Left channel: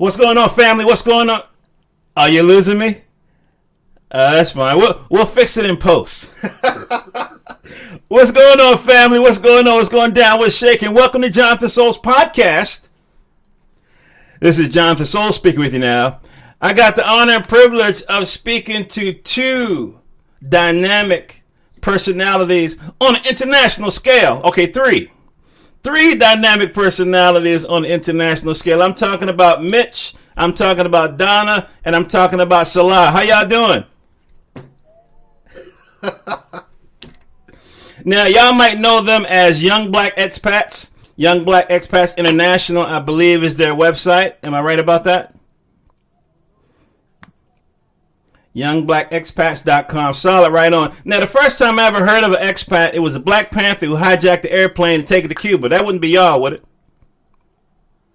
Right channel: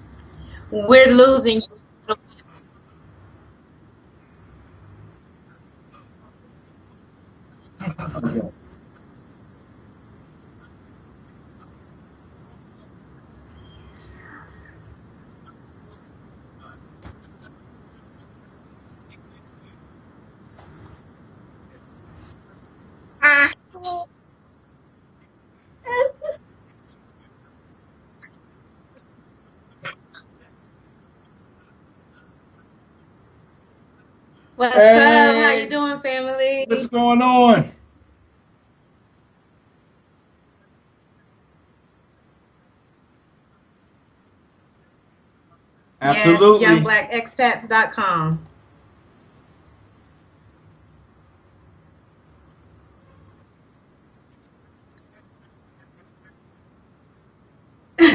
What's going on, family? What's We're going on? losing. Are you losing me? That's fine. We'll fix it in post. What's going on, family? What's going on? What's going down? What's shaking? Welcome to Johnathan Soul's podcast. This is Johnathan Soul speaking with you now. I got the honor and privilege of speaking to two dynamic personalities on an international scale. Okay, three. Three dynamic personalities on the international scale. I'm talking about Mitch, I'm talking about Donna, and I'm talking about Salah. How y'all doing? What's up? How you doing, family? What's going on? Now, y'all might know them as Young Black Expats. Young Black Expats International, I believe, is their website. Am I right about that? Absolutely. Yes, youngblackexpats.com. Youngblackexpats.com. Solid, right on. Now, the first time I ever heard of an expat, it was a Black Panther who hijacked the airplane and take it to Cuba. That wouldn't be y'all, would it? No,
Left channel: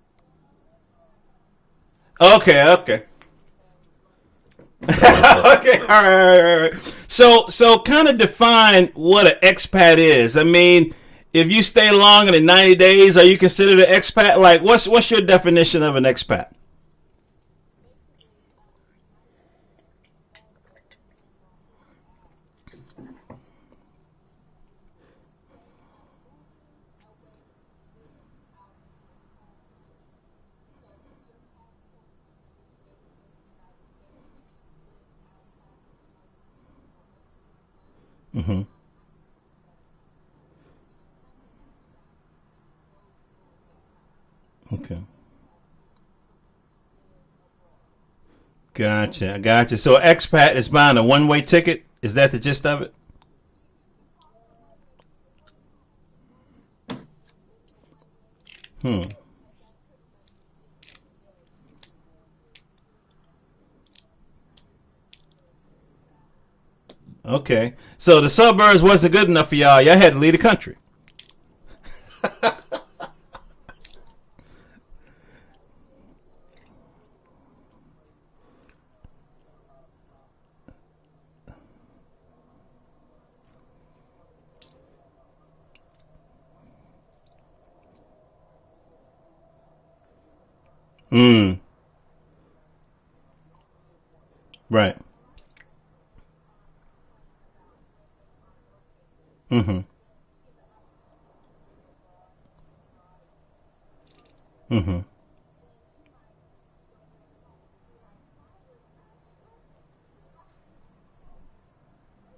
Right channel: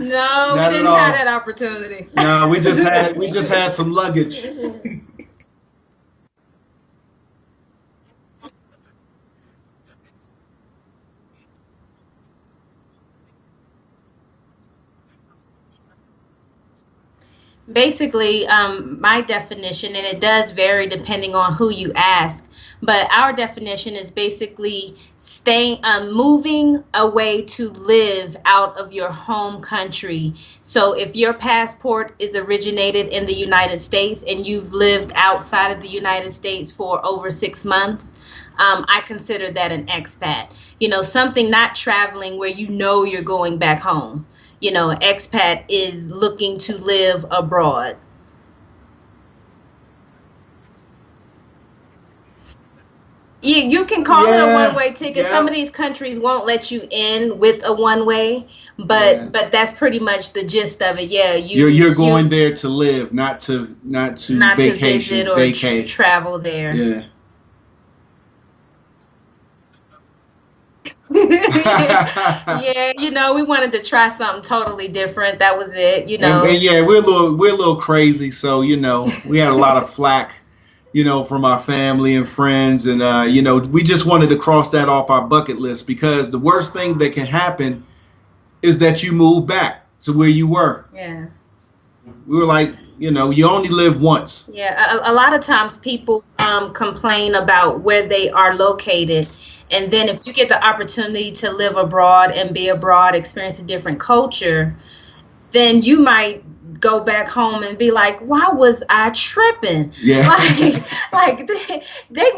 we didn't have that opportunity. Okay, we just had some luggage. Okay, all right. So kind of define what an expat is. I mean, if you stay longer than 90 days, are you considered an expat? Like, what's your definition of an expat? Basically, my definition, and it does vary depending on who you ask, but our definition is basically moving away to live out of your home country. So if your passport is originated in the United States and you've lived outside of the United States for over 6 months, I consider that an expat. You know, something not traveling where you know you're going back home. You know, an expat is looking to live abroad. Gotcha. So expat is buying a one-way ticket? Is that the gist of it? You can call it a one-way ticket. Yeah. Some of these countries won't let you in with a one-way, but that's pretty much the gist of it. Yeah, you're going there to live, not to vacation, to visit or travel there. Yeah. Okay. So the suburbs wasn't good enough for y'all. Y'all had to leave the country. Yeah, you know, we wanted to try something totally different. That was it, you know. And yeah, we're a little crazy, so you know, we had a lot of flack, you know, from our family and friends, and you know, we just wanted to cross that off our bucket list because the worst thing that can happen is that you move back to where you were. Yeah. We were like, you know, you only live once. Yeah, right. a lot of times people complain about where they are located. And then if you get the opportunity to live abroad and be abroad, experience a different culture, then you might go back home and be like, why was I tripping? Yeah. Like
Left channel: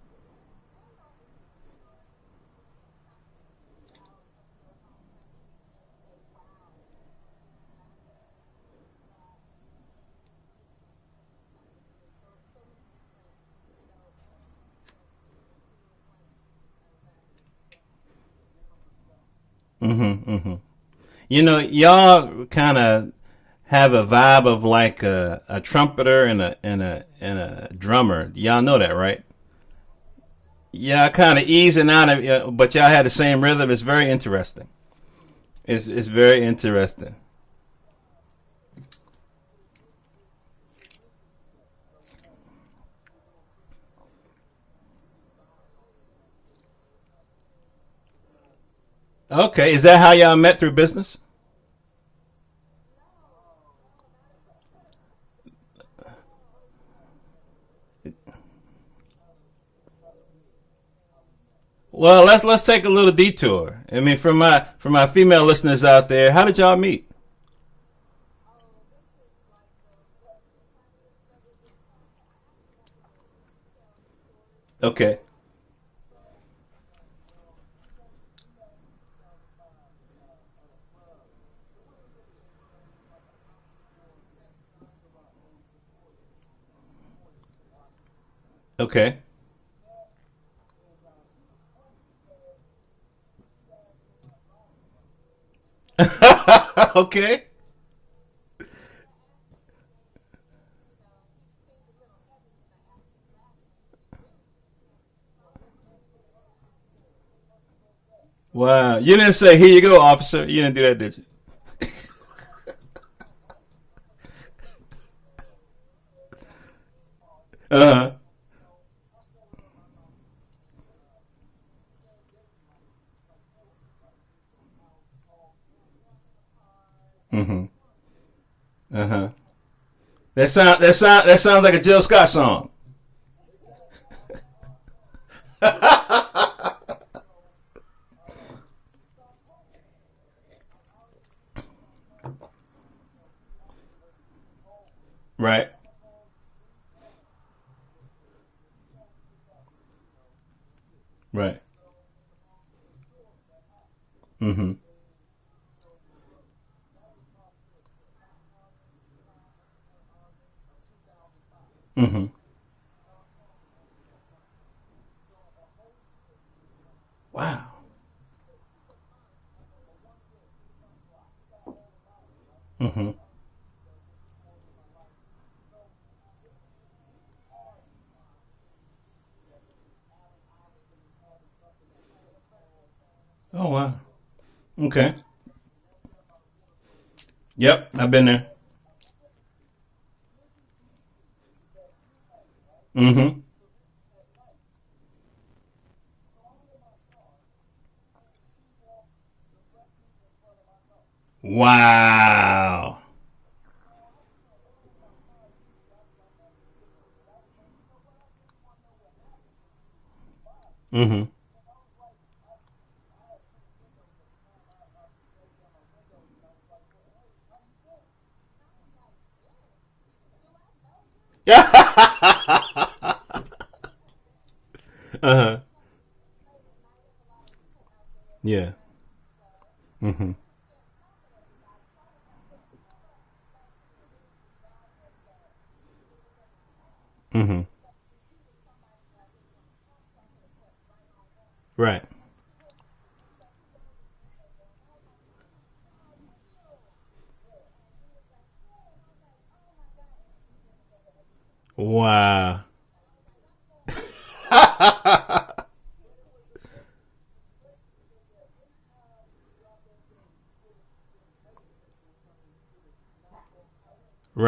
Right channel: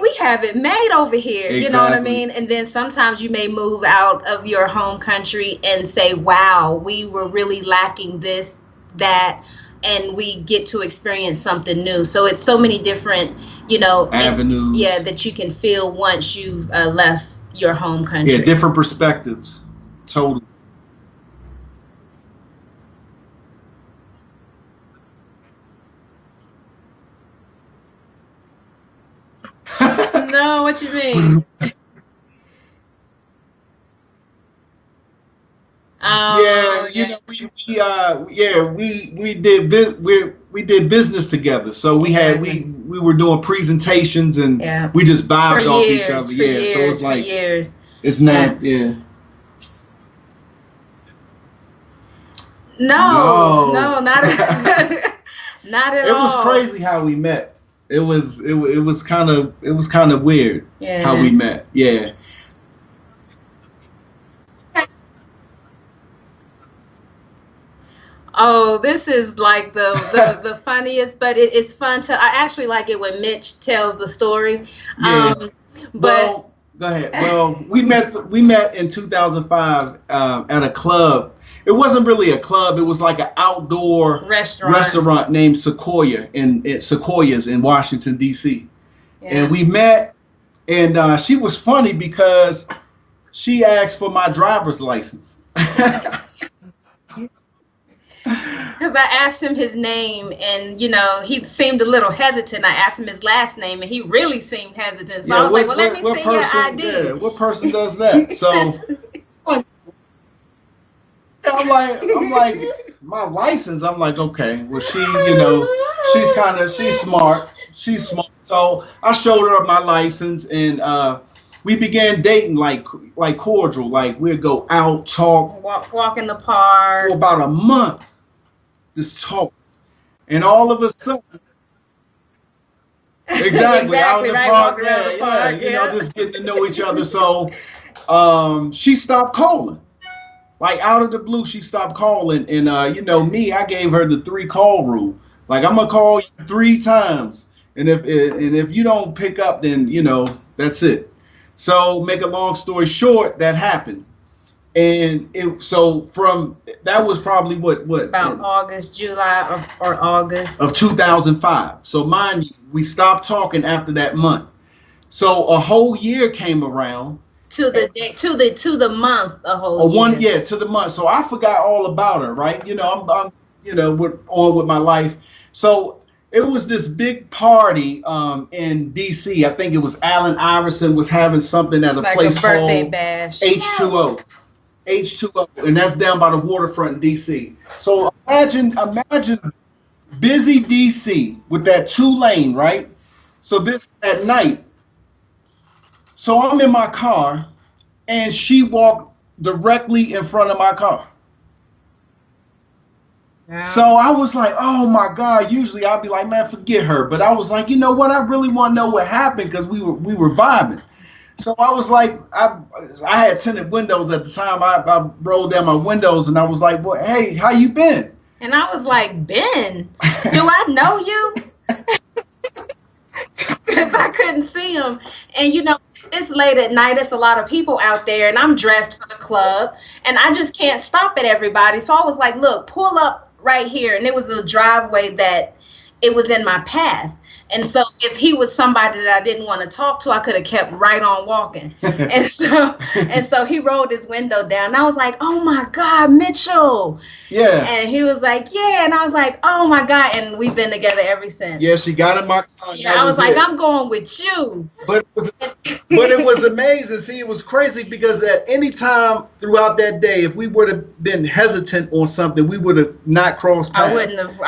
we have it made over here. Exactly. You know what I mean? And then sometimes you may move out of your home country and say, wow, we were really lacking this, that, and we get to experience something new. So it's so many different, you know, avenues. that you can feel once you've left your home country. Yeah, different perspectives. Totally. You know, y'all kind of have a vibe of like a trumpeter and a drummer. Y'all know that, right? No, what you Y'all mean? kind of easing out of, but y'all had the same rhythm. It's very interesting. It's very interesting. You know, we did business together. So we were doing presentations and we just vibed off each other. So it's like it's not Okay, is that how y'all met through business? No, not at It all. was crazy how we met. It was kind of weird how we met. Yeah. Well, let's take a little detour. I mean, for my female listeners out there, how did y'all meet? Oh, this is like the funniest, but it's fun to. I actually like it when Mitch tells the story. Okay. Well, go ahead. Well, we met in 2005 at a club. It wasn't really a club. It was like an outdoor restaurant named Sequoia's in Washington, D.C. Okay. Yeah. And we met, and she was funny because she asked for my driver's license. Okay. Because I asked him his name, and you know, he seemed a little hesitant. I asked him his last name, and he really seemed hesitant. So I was like, "Well, let me see your ID." Yeah, what person does that? So you didn't say, "Here you go, officer." You didn't do that, did you? I'm like, my license. I'm like, okay. Well, you know, she's smart. She's smart. So I showed her my license, and we began dating like cordial. Like we'd go out, talk, walk in the park for about a month. Just talk. And that sounds like a Jill Scott song. Exactly. Out in the right, park. walking around the park. You know, just getting to know each other. So she stopped calling. Like out of the blue, she stopped calling. And you know me, I gave her the 3-call rule. Right. Like I'm gonna call you 3 times. And if you don't pick up, then you know, that's it. Right. So make a long story short, that happened. Mm-hmm. And from that was probably what about August, July or August of 2005. So mind you, we stopped talking after that month. So a whole year came around. Wow. to the month, a whole year. To the month. So I forgot all about her, right? You know, I'm you know, on with my life. So it was this big party in DC. I think it was Allen Iverson was having something at a like place a birthday called bash. H2O. Okay. H2O, and that's down by the waterfront in DC. Yep. So I've been there. imagine busy DC with that 2-lane, right? Mm-hmm. So this at night. So I'm in my car, and she walked directly in front of my car. Wow. Yeah. So I was like, oh my God. Usually I'd be like, man, forget her. But I was like, you know what? I really want to know what happened because we were vibing. Mm-hmm. So I was like, I had tinted windows at the time. I rolled down my windows and I was like, well, hey, how you been? And I was like, Ben, do I know you? Because I couldn't see him. And you know, it's late at night. It's a lot of people out there, and I'm dressed for the club, and I just can't stop at everybody. So I was like, look, pull up right here. And it was a driveway that it was in my path. Mm-hmm. And so if he was somebody that I didn't want to talk to, I could have kept right on walking. Right. And so he rolled his window down. And I was like, oh my God, Mitchell. Yeah. And he was like, yeah. And I was like, oh my God. And we've been together ever since. Yeah, she got in my car. Yeah, I was like, I'm going with you. But it was amazing. See, it was crazy because at any time throughout that day, if we would have been hesitant on something, we would have not crossed paths. I wouldn't have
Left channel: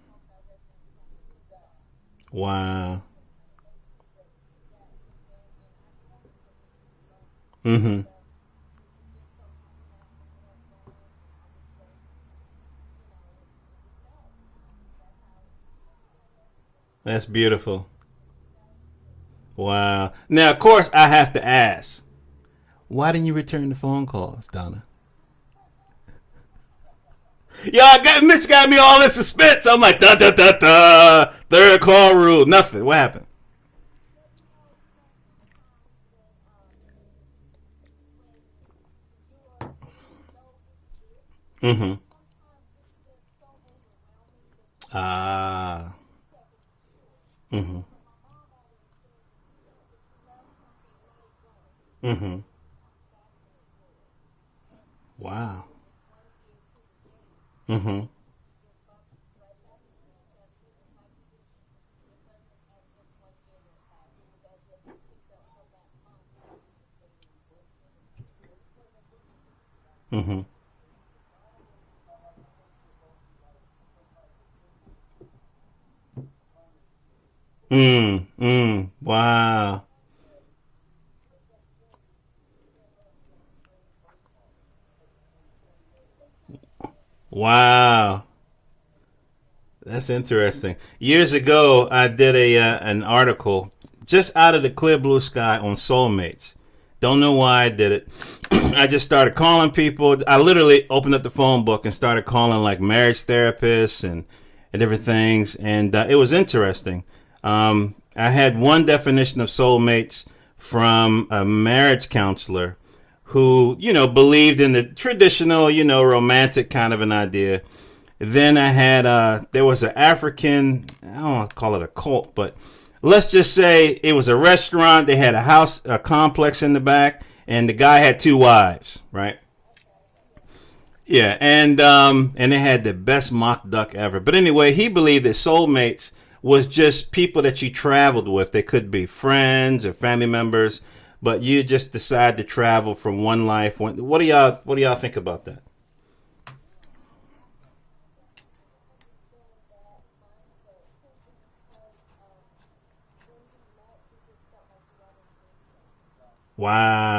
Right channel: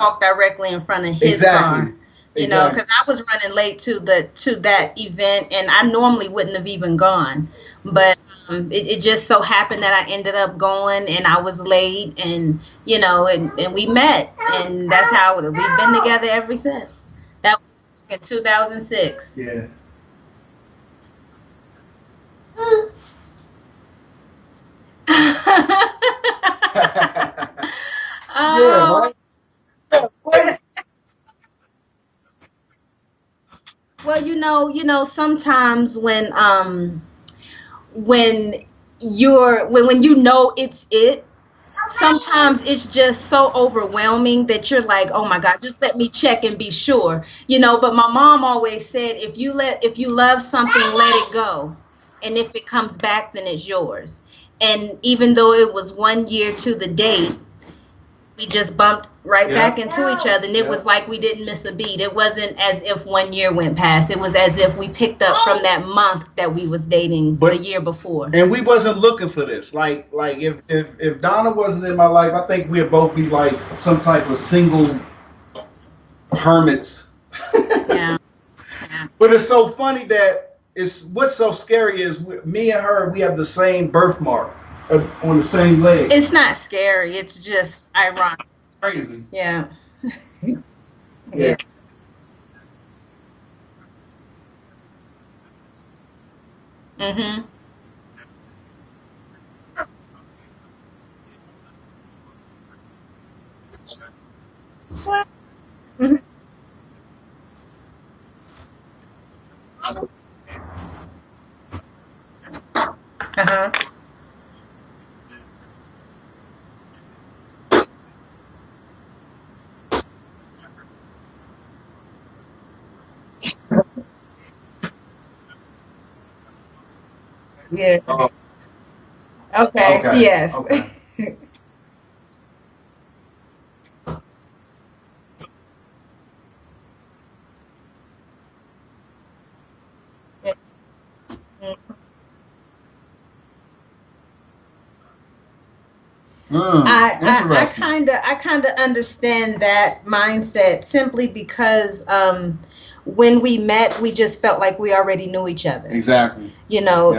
walked directly in front of his car. You know, because I was running late to that event, and I normally wouldn't have even gone. Mm-hmm. But it just so happened that I ended up going, and I was late, and you know, and we met, and that's how we've been together ever since. That's beautiful. In 2006. Yeah. Wow. Now, of course, I have to ask, why didn't you return the phone calls, Donna? Mitch got me all in suspense. I'm like, da da da da. 3rd call rule. Nothing. What happened? Well, you know, sometimes when you know it's it, mm-hmm. sometimes it's just so overwhelming that you're like, oh my God, just let me check and be sure. You know, but my mom always said, if you love something, let it go. Mm-hmm. And if it comes back, then it's yours. And even though it was 1 year to the date, mm-hmm. we just bumped right back into each other. And it was like we didn't miss a beat. It wasn't as if 1 year went past. It was as if we picked up from that month that we was dating the year before. And we wasn't looking for this. Like if Donna wasn't in my life, I think we'd both be like some type of single hermits. Wow. But it's so funny that what's so scary is me and her, we have the same birthmark on the same leg. It's not scary. It's just ironic. It's crazy. Yeah. That's interesting. Years ago, I did an article just out of the clear blue sky on Soulmates. Don't know why I did it. I just started calling people. I literally opened up the phone book and started calling like marriage therapists and different things. And it was interesting. I had one definition of soulmates from a marriage counselor who, believed in the traditional, romantic kind of an idea. Then I had, there was an African, I don't want to call it a cult, but let's just say it was a restaurant. They had a complex in the back, and the guy had 2 wives, right? Okay. Yes. Okay. Yeah, and they had the best mock duck ever. But anyway, he believed that soulmates was just people that you traveled with. They could be friends or family members, but you just decide to travel from one life. What do y'all think about that? I kind of understand that mindset simply because when we met, we just felt like we already knew each other. Exactly. Wow. You know,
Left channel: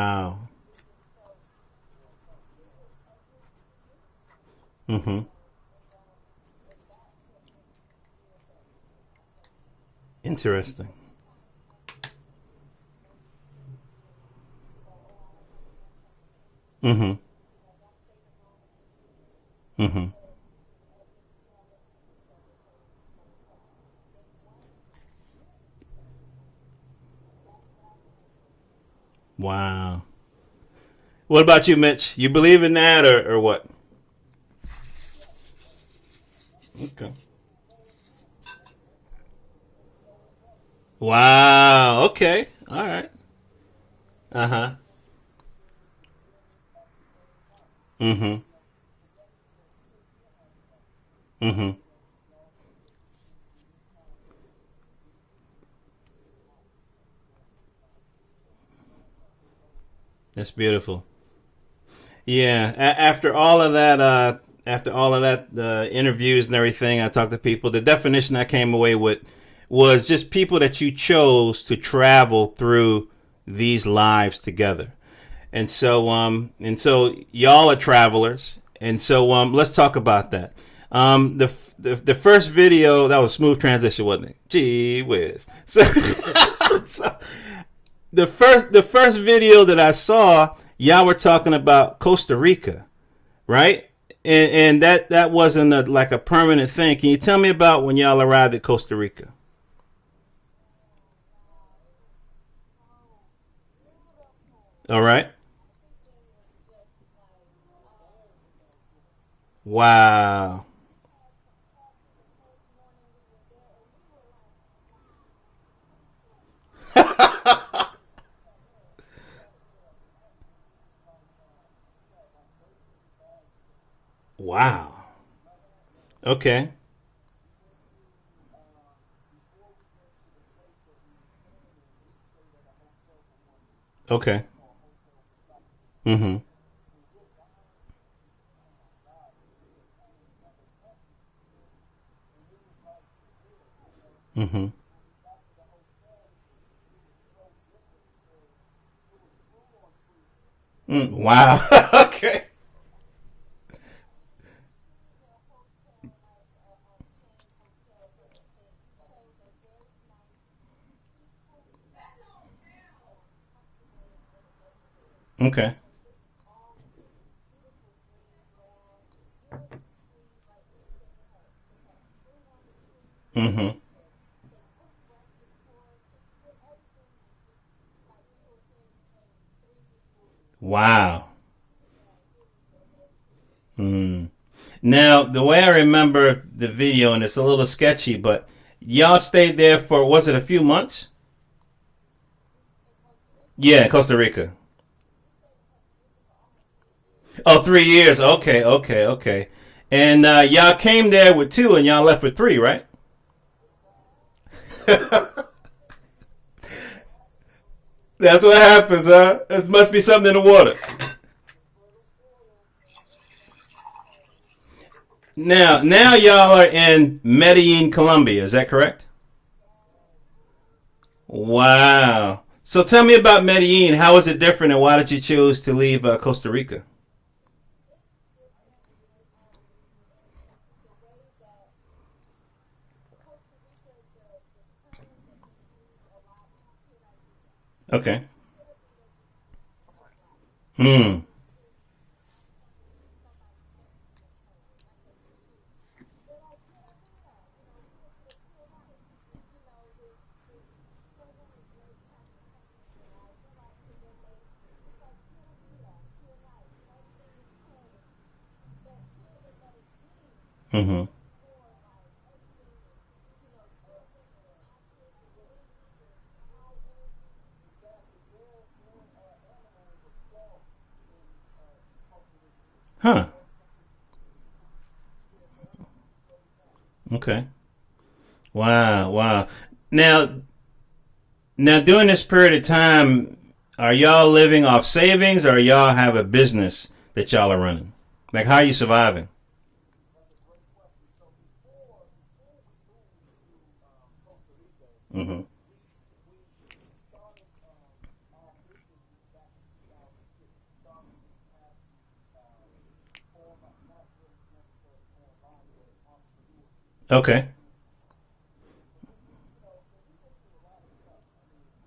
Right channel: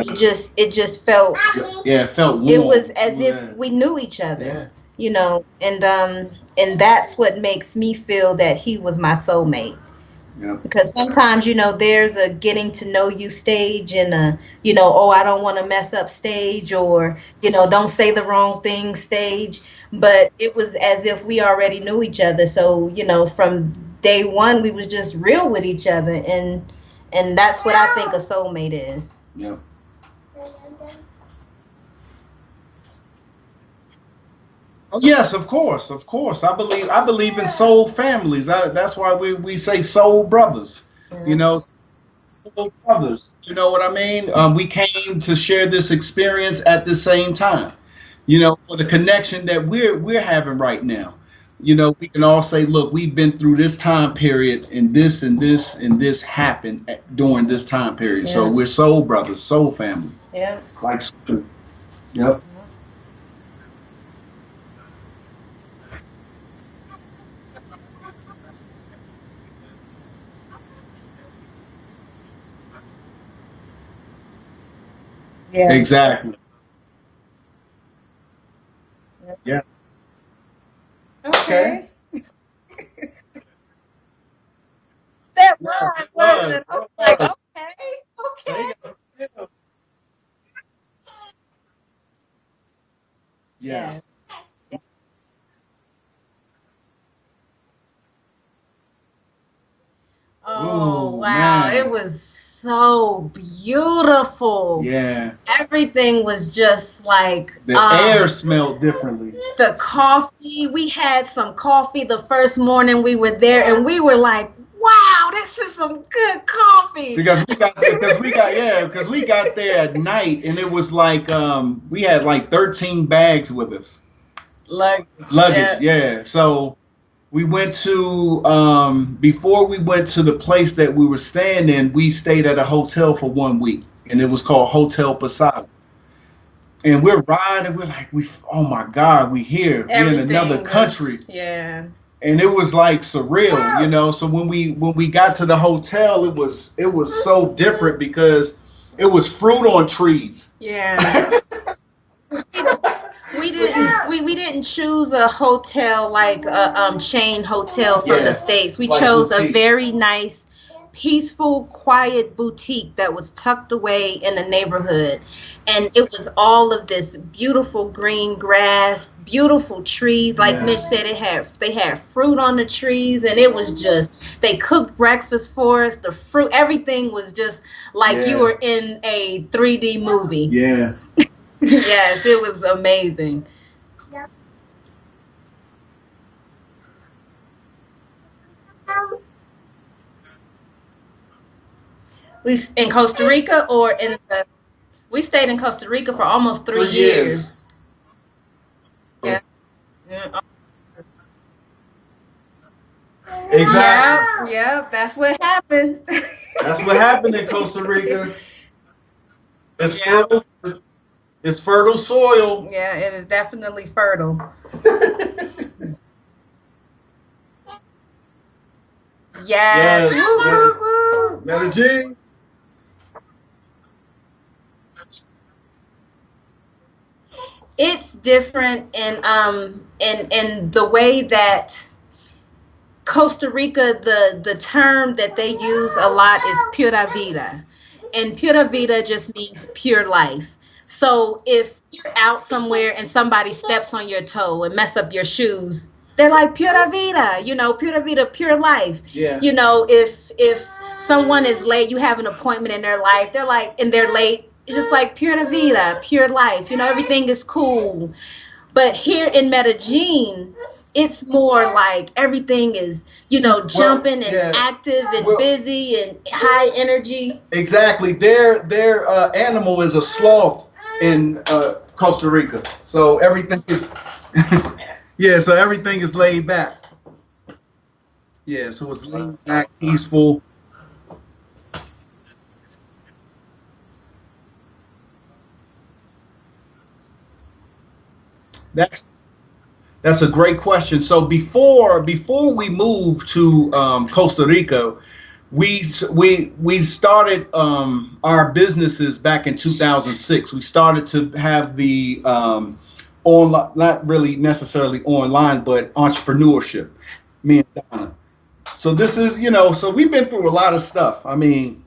it just felt. Yeah, it felt warm. It was as if we knew each other. Yeah. You know, and that's what makes me feel that he was my soulmate. Interesting. Because sometimes, you know, there's a getting to know you stage and a, you know, oh, I don't want to mess up stage, or, you know, don't say the wrong thing stage. But it was as if we already knew each other. So, you know, from day one, we was just real with each other. And that's what I think a soulmate is. Wow. What about you, Mitch? You believe in that or what? Oh, yes, of course. I believe in soul families. That's why we say soul brothers. Wow. You know, okay. soul All brothers. Right. You know what I mean? We came to share this experience at the same time. You know, for the connection that we're having right now. You know, we can all say, look, we've been through this time period, and this and this and this happened during this time period. Yeah. So we're soul brothers, soul family. That's beautiful. Like, yeah. After all of that. After all of that, the interviews and everything, I talked to people. The definition I came away with was just people that you chose to travel through these lives together. And yeah. Exactly. And so y'all are travelers. And so let's talk about that. The first video, that was a smooth transition, wasn't it? Gee whiz. That was. The first video that I saw, y'all were talking about Costa Rica, right? Yeah. And that wasn't like a permanent thing. Can you tell me about when y'all arrived at Costa Rica? Oh, wow. Man. It was so beautiful. Yeah. All right. Everything was just like... The air smelled differently. The coffee. We had some coffee the first morning we were there, and we were like, wow, this is some good coffee. because we got there at night, and it was like we had like 13 bags with us. Wow. Luggage, yeah. Okay. So we went to before we went to the place that we were staying in, we stayed at a hotel for 1 week, and it was called Hotel Posada. And we're riding, we're like, oh my God, we here. We're in another country. Yeah. And it was like surreal, you know. So when we got to the hotel, it was so different because it was fruit on trees. Yeah. Wow. Okay. We didn't choose a hotel like a chain hotel from the States. We chose a very nice, peaceful, quiet boutique that was tucked away in the neighborhood. Okay. And it was all of this beautiful green grass, beautiful trees. Like Mitch said, they had fruit on the trees, and it was just, they cooked breakfast for us. The fruit, everything was just like you were in a 3D movie. Yeah. Wow. Yes, it was amazing. Now, the way I remember the video, and it's a little sketchy, but y'all stayed there for, was it a few months? We in Costa Rica? Yeah, Costa Rica. We stayed in Costa Rica for almost 3 years. Oh, 3 years. Okay. Yeah. And y'all came there with 2, and y'all left with 3, right? Exactly. Yeah, that's what happened. That's what happened in Costa Rica. That's what happens, huh? It must be something in the water. It's fertile soil. Yeah, it is definitely fertile. Now y'all are in Medellin, Colombia. Is that correct? Yes. Wow. So tell me about Medellin. How is it different, and why did you choose to leave Costa Rica? It's different in the way that Costa Rica, the term that they use a lot is pura vida. Okay. And pura vida just means pure life. So if you're out somewhere and somebody steps on your toe and mess up your shoes, they're like pura vida, pura vida, pure life. Yeah. If someone is late, you have an appointment in their life, and they're late, it's just like pura vida, pure life. Everything is cool. But here in Medellin, it's more like everything is, jumping and active and busy and high energy. Exactly. Their animal is a sloth in Costa Rica. So everything is, so everything is laid back. Okay. Yeah, wow. Now, during this period of time, are y'all living off savings, or y'all have a business that y'all are running? Like, how are you surviving? That's a great question. So before we moved to Costa Rica, we started our businesses back in 2006. We started to have the online, not really necessarily online, but entrepreneurship. Okay. Me and Donna. So this is, so we've been through a lot of stuff. I mean,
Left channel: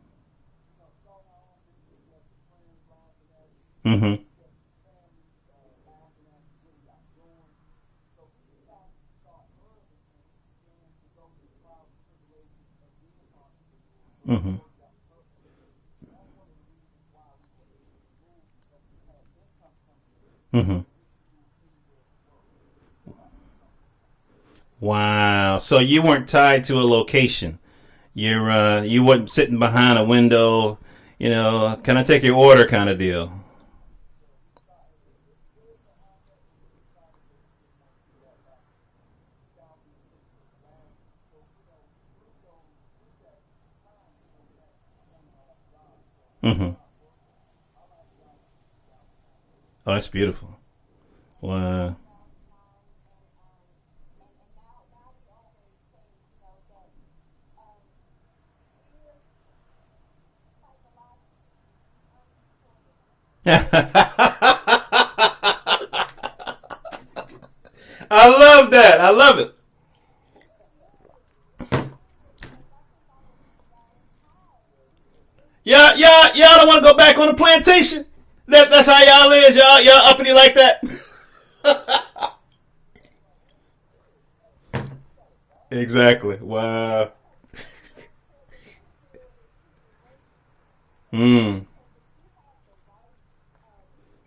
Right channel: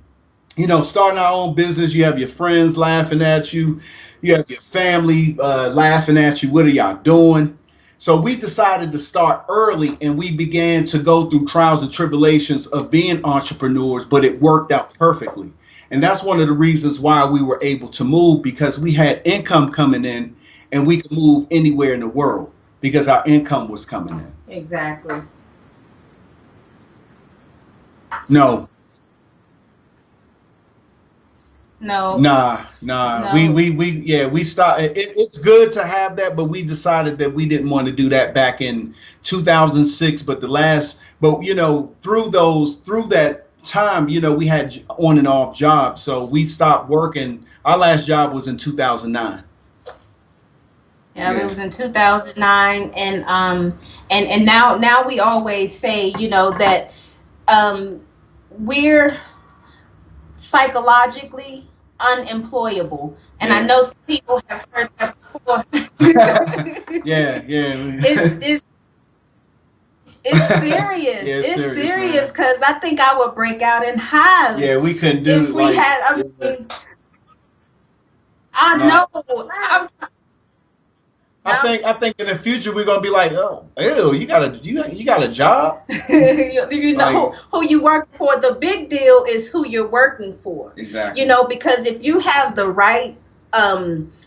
starting our own business, you have your friends laughing at you. You have your family laughing at you. What are y'all doing? So we decided to start early, and we began to go through trials and tribulations of being entrepreneurs, but it worked out perfectly. And that's one of the reasons why we were able to move, because we had income coming in, and we could move anywhere in the world because our income was coming in. Exactly. Wow. So you weren't tied to a location. No. You weren't sitting behind a window, kind of take your order kind of deal. No. We started. It's good to have that, but we decided that we didn't want to do that back in 2006. But through that time, we had on and off jobs, so we stopped working. Our last job was in 2009. Oh, that's beautiful. Yeah, it was in 2009, and now we always say, that we're psychologically unemployable. And I know some people have heard that before. Yeah. I love that. I love it. It's serious. It's serious because I think I would break out in hives. Yeah, we couldn't do it. Y'all don't want to go back on the plantation? That's how y'all is. Y'all uppity like that? I think in the future we're gonna be like, oh, ew, you got a job? Exactly. Wow. You know who you work for. The big deal is who you're working for. Exactly. Because if you have the right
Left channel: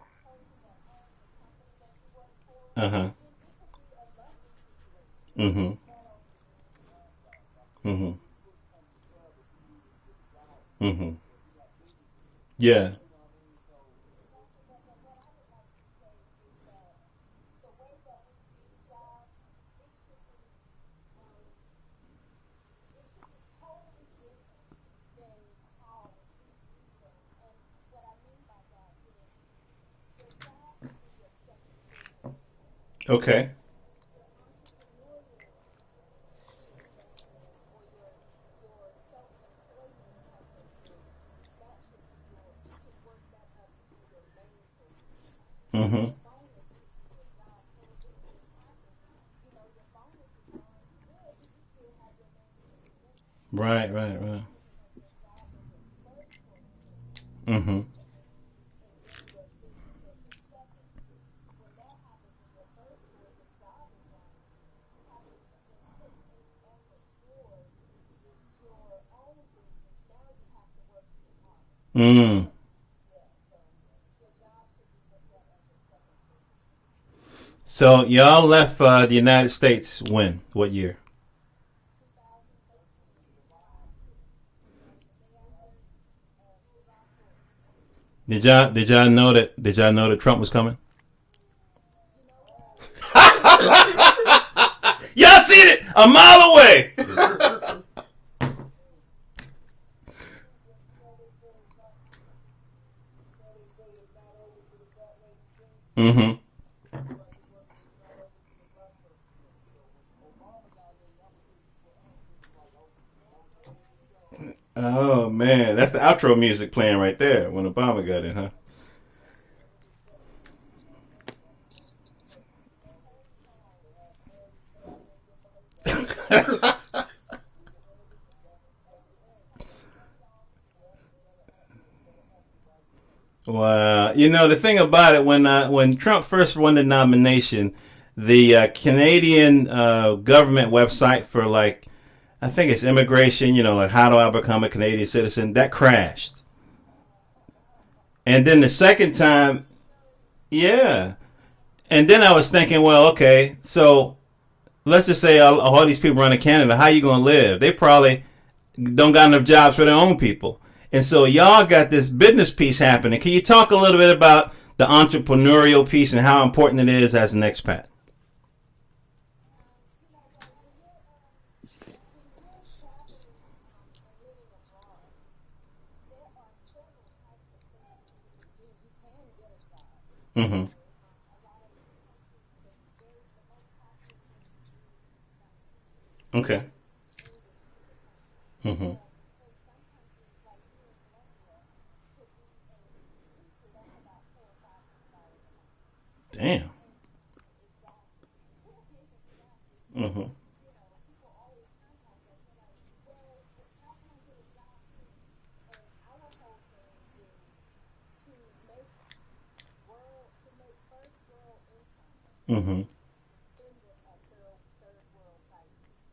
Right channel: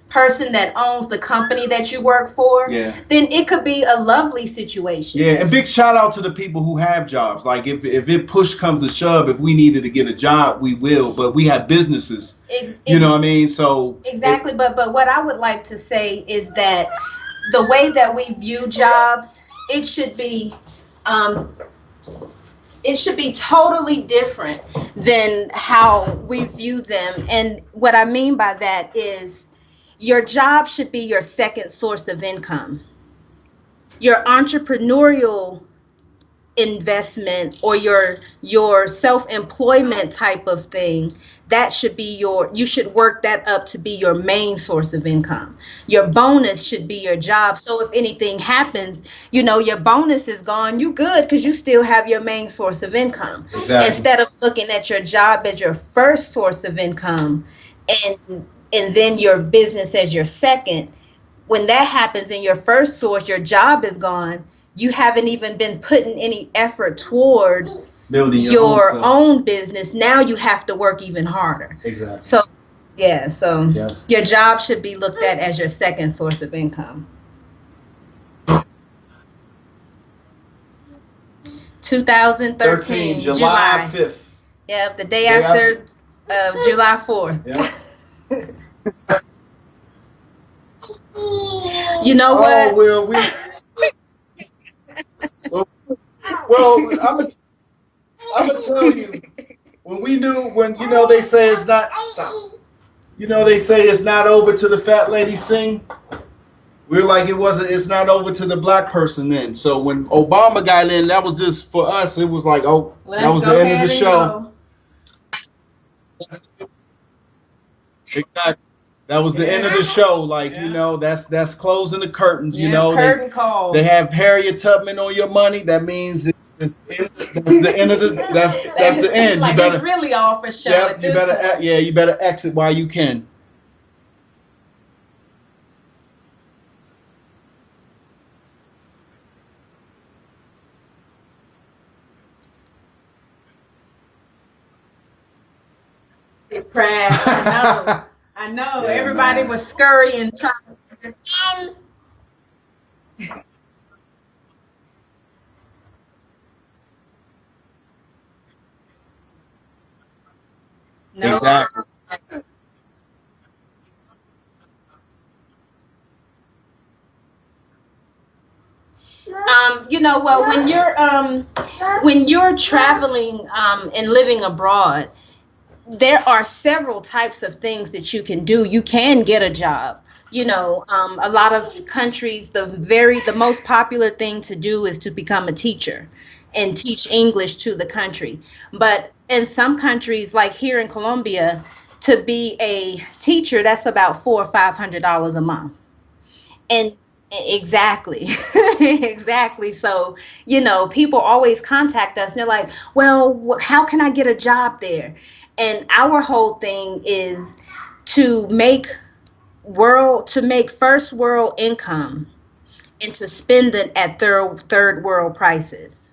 person that owns the company that you work for, then it could be a lovely situation. Yeah, and big shout out to the people who have jobs. Like if it push comes to shove, if we needed to get a job, we will. But we have businesses. You know what I mean? So exactly. But what I would like to say is that the way that we view jobs, it should be totally different than how we view them. And what I mean by that is your job should be your second source of income. Okay. Your entrepreneurial investment or your self-employment type of thing, that should be you should work that up to be your main source of income. Your bonus should be your job. So if anything happens, your bonus is gone, you good because you still have your main source of income. Exactly. Instead of looking at your job as your first source of income and then your business as your second. When that happens in your first source, your job is gone. You haven't even been putting any effort toward building your own business. Now you have to work even harder. So your job should be looked at as your second source of income. So y'all left the United States when? What year? 2013, July 5th. Yep, the day after July 4th. Yeah. Did y'all know that Trump was coming? You know what? Well, y'all seen it a mile away. I'm gonna tell you, when they say it's not, they say it's not over till the fat lady sing. We're like it's not over to the black person then. So when Obama got in, that was just for us. It was like, that was the end of the show. Oh man, that's the outro music playing right there when Obama got in. Huh? That was the end of the show. Like, that's closing the curtains. Curtain call. They have Harriet Tubman on your money. That means that's the end of that's the end. Like, you better, it's really all for show. You better exit while you can. Wow. The thing about it, when Trump first won the nomination, the Canadian government website for I think it's immigration, like how do I become a Canadian citizen, that crashed. It crashed. I know. And then the second time, everybody was scurrying. Yeah. And then I was thinking, well, okay, so let's just say all these people run in Canada, how you gonna live? They probably don't got enough jobs for their own people. And so y'all got this business piece happening. Can you talk a little bit about the entrepreneurial piece and how important it is as an expat? When you're traveling and living abroad, there are several types of things that you can do. You can get a job. You know, a lot of countries, the most popular thing to do is to become a teacher and teach English to the country. But in some countries, like here in Colombia, to be a teacher, that's about $400 or $500 a month. Damn. And exactly, exactly. So, you know, people always contact us and they're like, well, how can I get a job there? And our whole thing is to make first world income and to spend it at third world prices.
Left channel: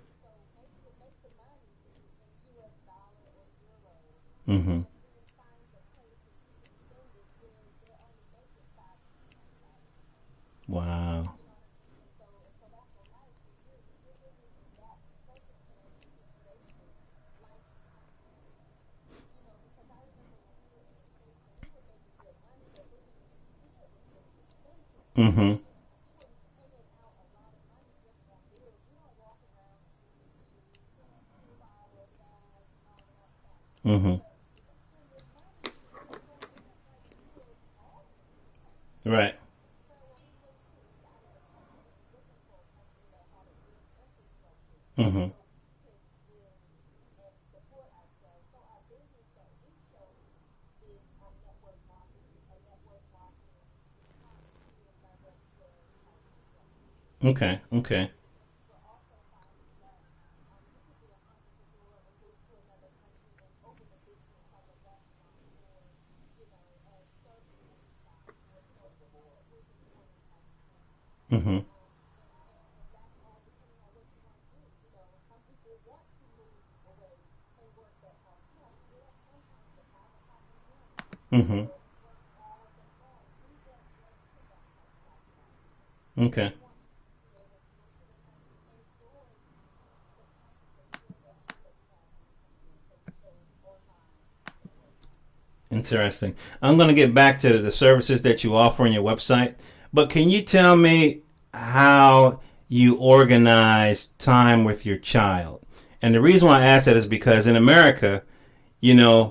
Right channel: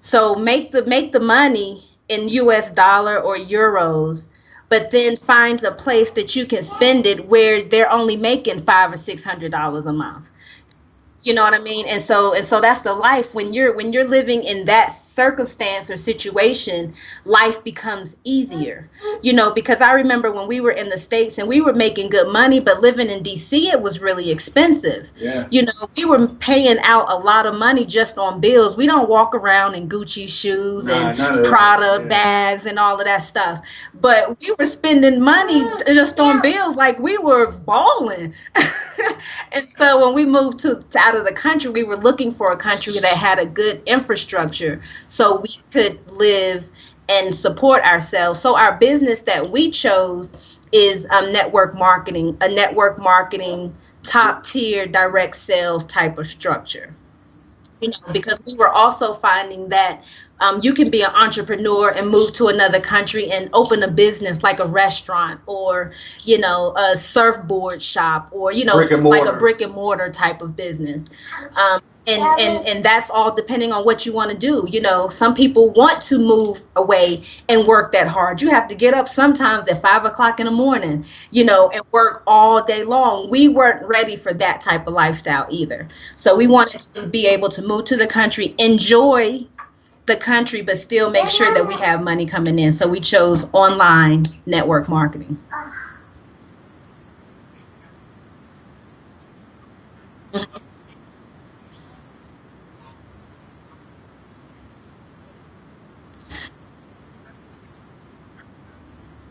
So make the money in US dollar or euros, but then finds a place that you can spend it where they're only making $500 or $600 a month. Wow. You know what I mean? And so that's the life. When you're living in that circumstance or situation, life becomes easier. You know, because I remember when we were in the States and we were making good money, but living in DC, it was really expensive. You know, we were paying out a lot of money just on bills. We don't walk around in Gucci shoes and Prada bags and all of that stuff. But we were spending money just on bills like we were balling. Right. And so when we moved to out of the country, we were looking for a country that had a good infrastructure so we could live and support ourselves. So our business that we chose is network marketing, a network marketing top tier direct sales type of structure. Okay. You know, because we were also finding that you can be an entrepreneur and move to another country and open a business like a restaurant or, you know, a surfboard shop or, you know, like a brick and mortar type of business. And that's all depending on what you want to do. You know, some people want to move away and work that hard. You have to get up sometimes at 5 o'clock in the morning, you know, and work all day long. We weren't ready for that type of lifestyle either. So we wanted to be able to move to the country, enjoy the country, but still make sure that we have money coming in. So we chose online network marketing. Interesting. I'm going to get back to the services that you offer on your website, but can you tell me how you organize time with your child? And the reason why I ask that is because in America, you know,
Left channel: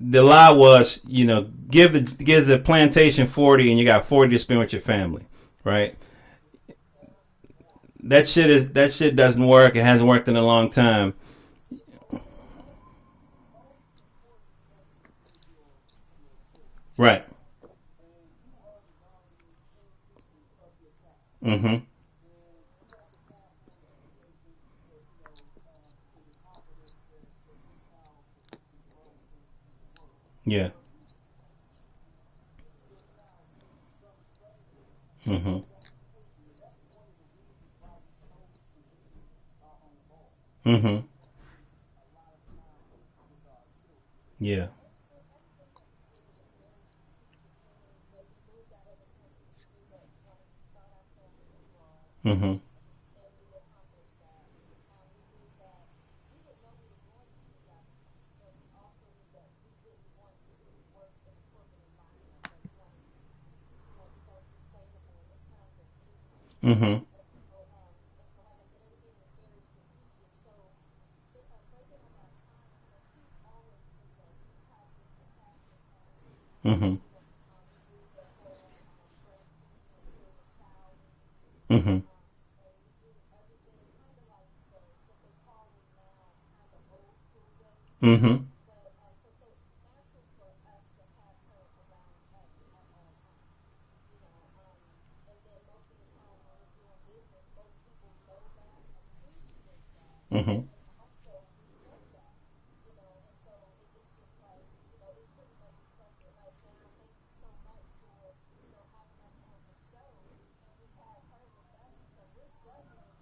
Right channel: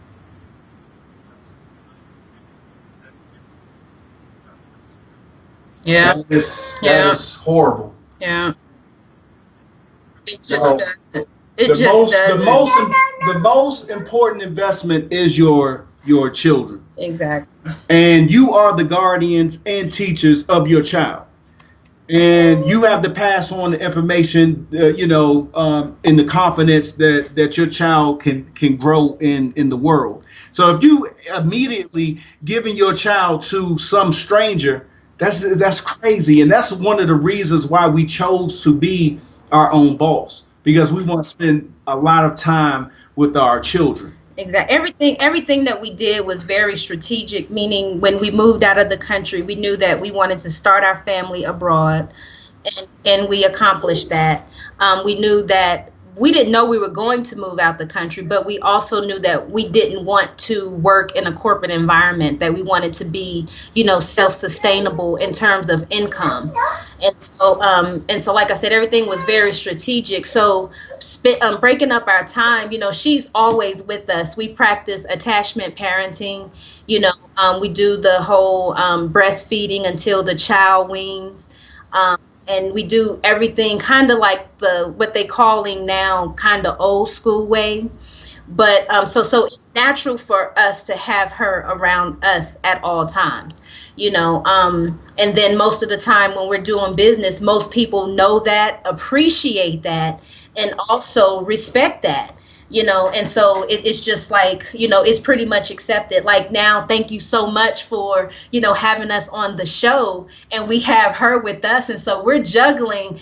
the law was, you know, give the plantation 40 and you got 40 to spend with your family, right? Yeah. That is horrible. That shit doesn't work. It hasn't worked in a long time. The most important investment is your children. Right. Exactly. And you are the guardians and teachers of your child. And you have to pass on the information, in the confidence that your child can grow in the world. Yeah. So if you immediately giving your child to some stranger, that's crazy. And that's one of the reasons why we chose to be our own boss, because we want to spend a lot of time with our children. Exactly. Yeah. Everything that we did was very strategic, meaning when we moved out of the country, we knew that we wanted to start our family abroad, and we accomplished that. We knew that we didn't know we were going to move out the country, but we also knew that we didn't want to work in a corporate environment, that we wanted to be, you know, self-sustainable in terms of income. And so, like I said, everything was very strategic. So breaking up our time, you know, she's always with us. We practice attachment parenting. You know, we do the whole breastfeeding until the child weans. And we do everything kind of like what they calling now kind of old school way. But so it's natural for us to have her around us at all times, you know. And then most of the time when we're doing business, most people know that, appreciate that, and also respect that. You know, and so it's just like, you know, it's pretty much accepted. Like now, thank you so much for, you know, having us on the show, and we have her with us. And so we're juggling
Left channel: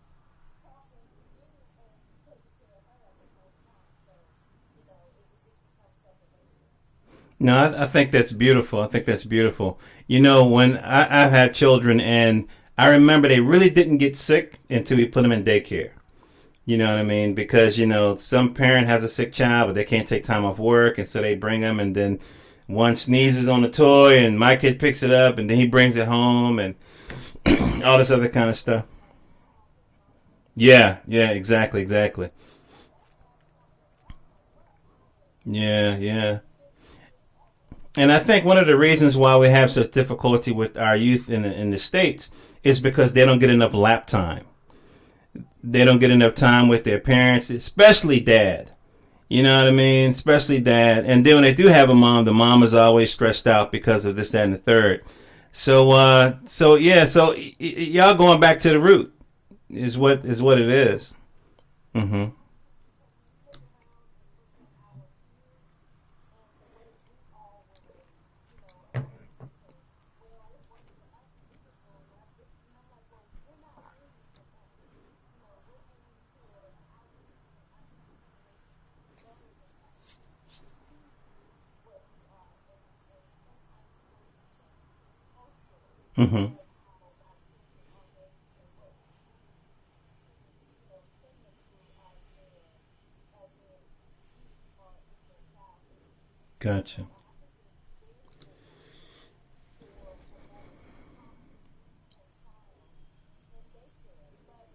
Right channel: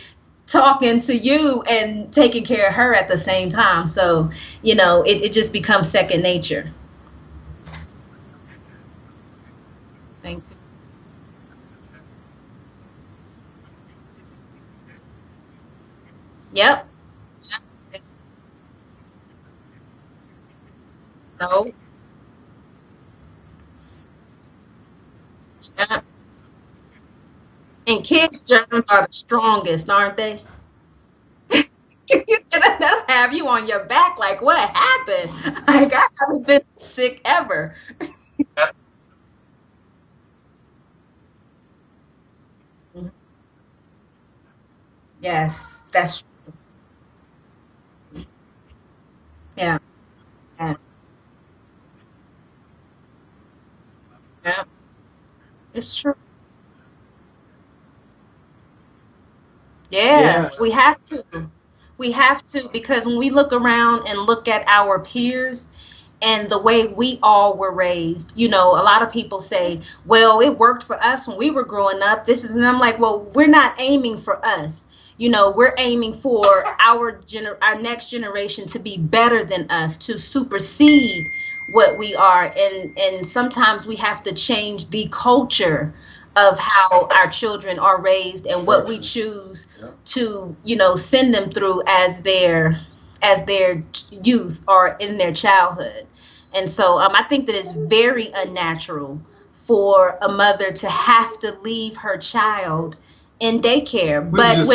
talking to you and taking care of her at the same time. So, you know, it just becomes second nature. No, I think that's beautiful. You know, when I've had children, and I remember they really didn't get sick until we put them in daycare. Yep. You know what I mean? Because, you know, some parent has a sick child, but they can't take time off work, and so they bring them, and then one sneezes on the toy, and my kid picks it up, and then he brings it home, and all this other kind of stuff. Kids are the strongest, aren't they? Yeah, exactly. That's have you on your back. Like, what happened? Yeah, Like, I yeah. haven't been sick ever. And I think one of the reasons why we have such difficulty with our youth in the States is because they don't get enough lap time. Yes. They don't get enough time with their parents, especially dad. You know what I mean? Especially dad. And then when they do have a mom, the mom is always stressed out because of this, that, and the third. So, so y'all going back to the root is what it have is. to. We have to, because when we look around and look at our peers and the way we all were raised, you know, a lot of people say, well, it worked for us when we were growing up. And I'm like, well, we're not aiming for us. You know, we're aiming for our next generation to be better than us, to supersede what we are. And sometimes we have to change the culture of how our children are raised and what we choose to, you know, send them through as their youth or in their childhood. And so I think that it's very unnatural for a mother to have to leave her child in daycare. But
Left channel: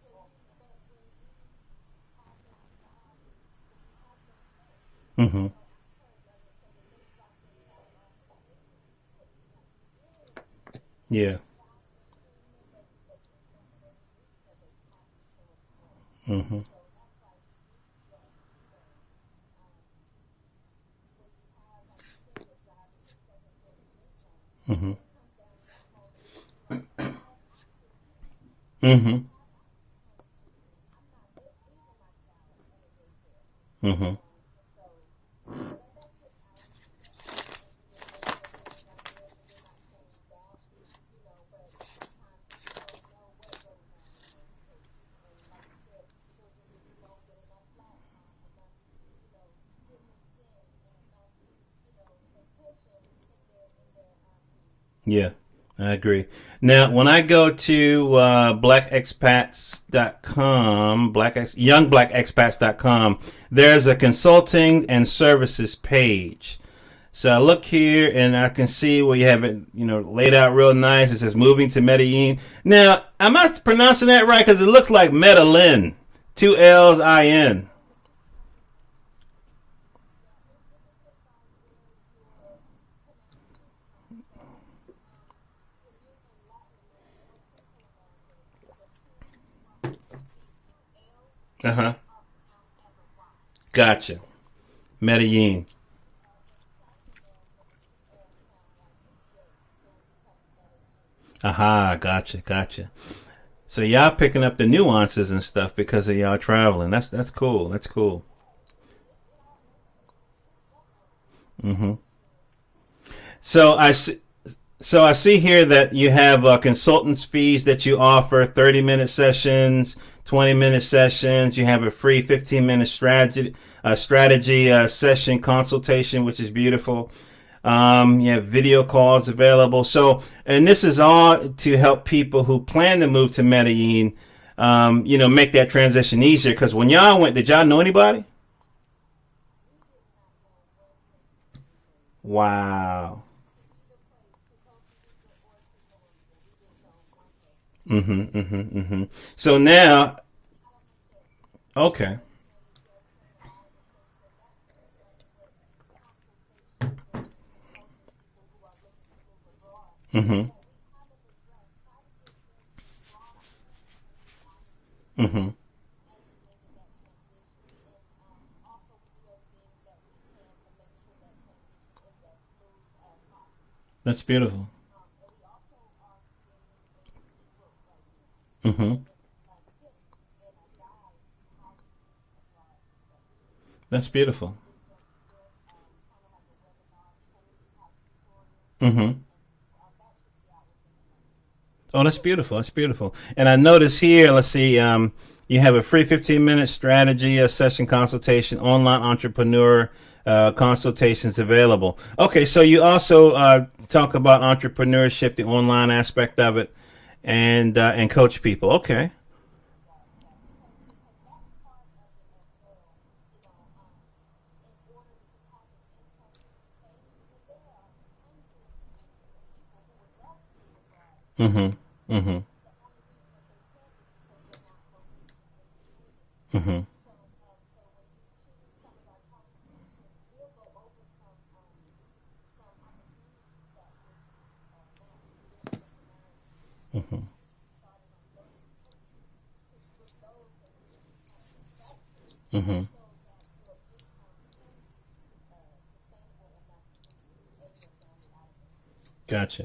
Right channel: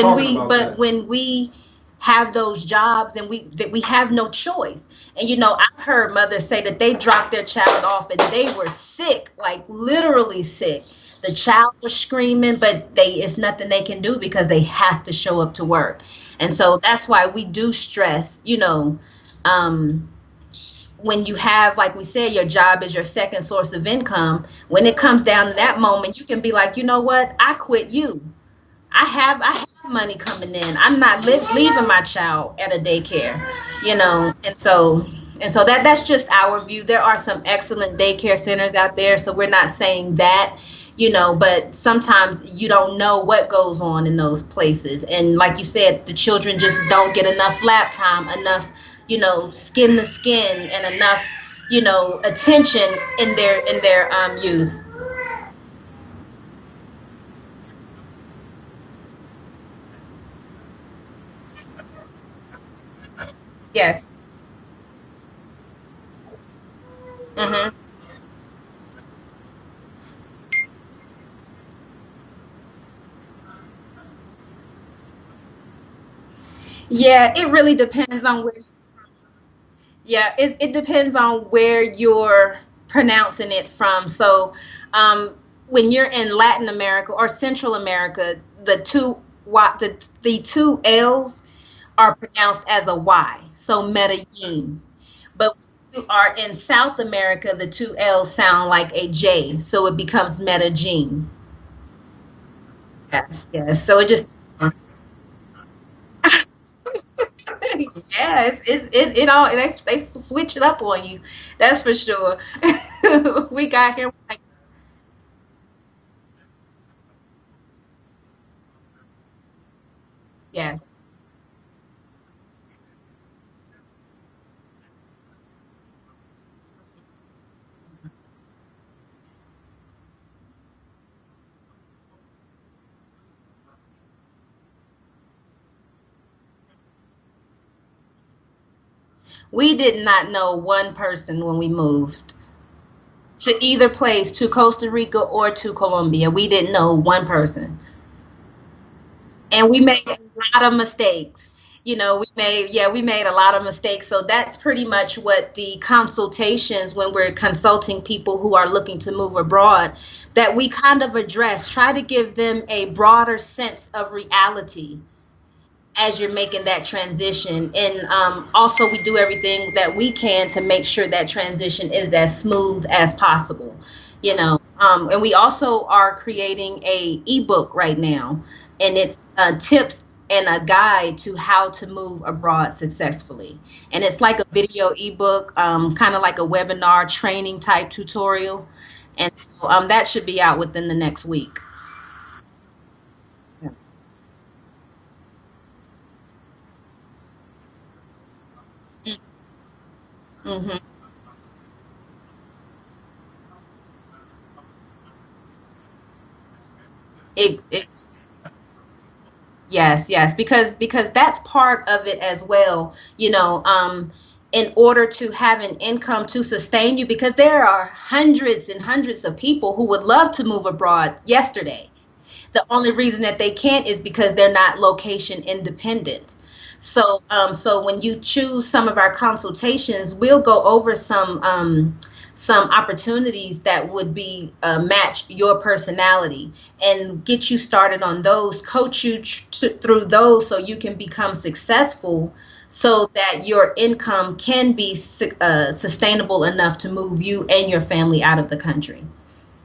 when we have those jobs and we have no choice. And you know, I've heard mothers say that they dropped their child off and they were sick, like literally sick. Yeah. The child was screaming, but it's nothing they can do because they have to show up to work. And so that's why we do stress, you know, when you have, like we said, your job is your second source of income. When it comes down to that moment, you can be like, you know what, I quit you. I have money coming in. I'm not leaving my child at a daycare, you know. And so that's just our view. There are some excellent daycare centers out there, so we're not saying that, you know, but sometimes you don't know what goes on in those places. And like you said, the children just don't get enough lap time, enough, you know, skin to skin, and enough, you know, attention in their youth. Yeah, I agree. Now, when I go to blackexpats.com, youngblackexpats.com, there's a consulting and services page. So I look here and I can see where you have it, you know, laid out real nice. It says moving to Medellin. Now, am I pronouncing that right? Because it looks like Medellin. 2 L's. Yeah, I-N. it really depends on where. Yeah, it depends on where you're pronouncing it from. So, when you're in Latin America or Central America, the two L's are pronounced as a Y. So Medellin. Medellin. But when you are in South America, the 2 L's sound like a J, so it becomes Medellin. Aha, gotcha. Yes. So y'all picking up the nuances and stuff because of y'all traveling. That's cool. That's cool. Yeah, it all they switch it up on you. That's for sure. So I see here that you have consultants fees that you offer, 30-minute sessions, 20-minute sessions. You have a free 15-minute strategy session consultation, which is beautiful. You have video calls available. So, and this is all to help people who plan to move to Medellin, you know, make that transition easier. Because when y'all went, did y'all know anybody? We did not know one person when we moved. Wow. To either place, to Costa Rica or to Colombia. We didn't know one person. So and now, we made a lot of mistakes. Okay. You know, we made a lot of mistakes. So that's pretty much what the consultations, when we're consulting people who are looking to move abroad, that we kind of address, try to give them a broader sense of reality as you're making that transition. And also we do everything that we can to make sure that transition is as smooth as possible. That's you know, and we also are creating a ebook right now, and it's tips and a guide to how to move abroad successfully. And it's beautiful. Like a video ebook, kind of like a webinar training type tutorial. And so that should be out within the next week. Oh, that's beautiful. And I notice here, let's see, you have a free 15-minute strategy session consultation, online entrepreneur consultations available. Okay, so you also talk about entrepreneurship, the online aspect of it, and coach people. Okay. Yes, because that's part of it as well. You know, in order to have an income to sustain you, because there are hundreds and hundreds of people who would love to move abroad yesterday. Mm-hmm. The only reason that they can't is because they're not location independent. Mm-hmm. So when you choose some of our consultations, we'll go over some opportunities that would be match your personality and get you started on those, coach you through those so you can become successful, so that your income can be sustainable enough to move you and your family out of the country. Gotcha.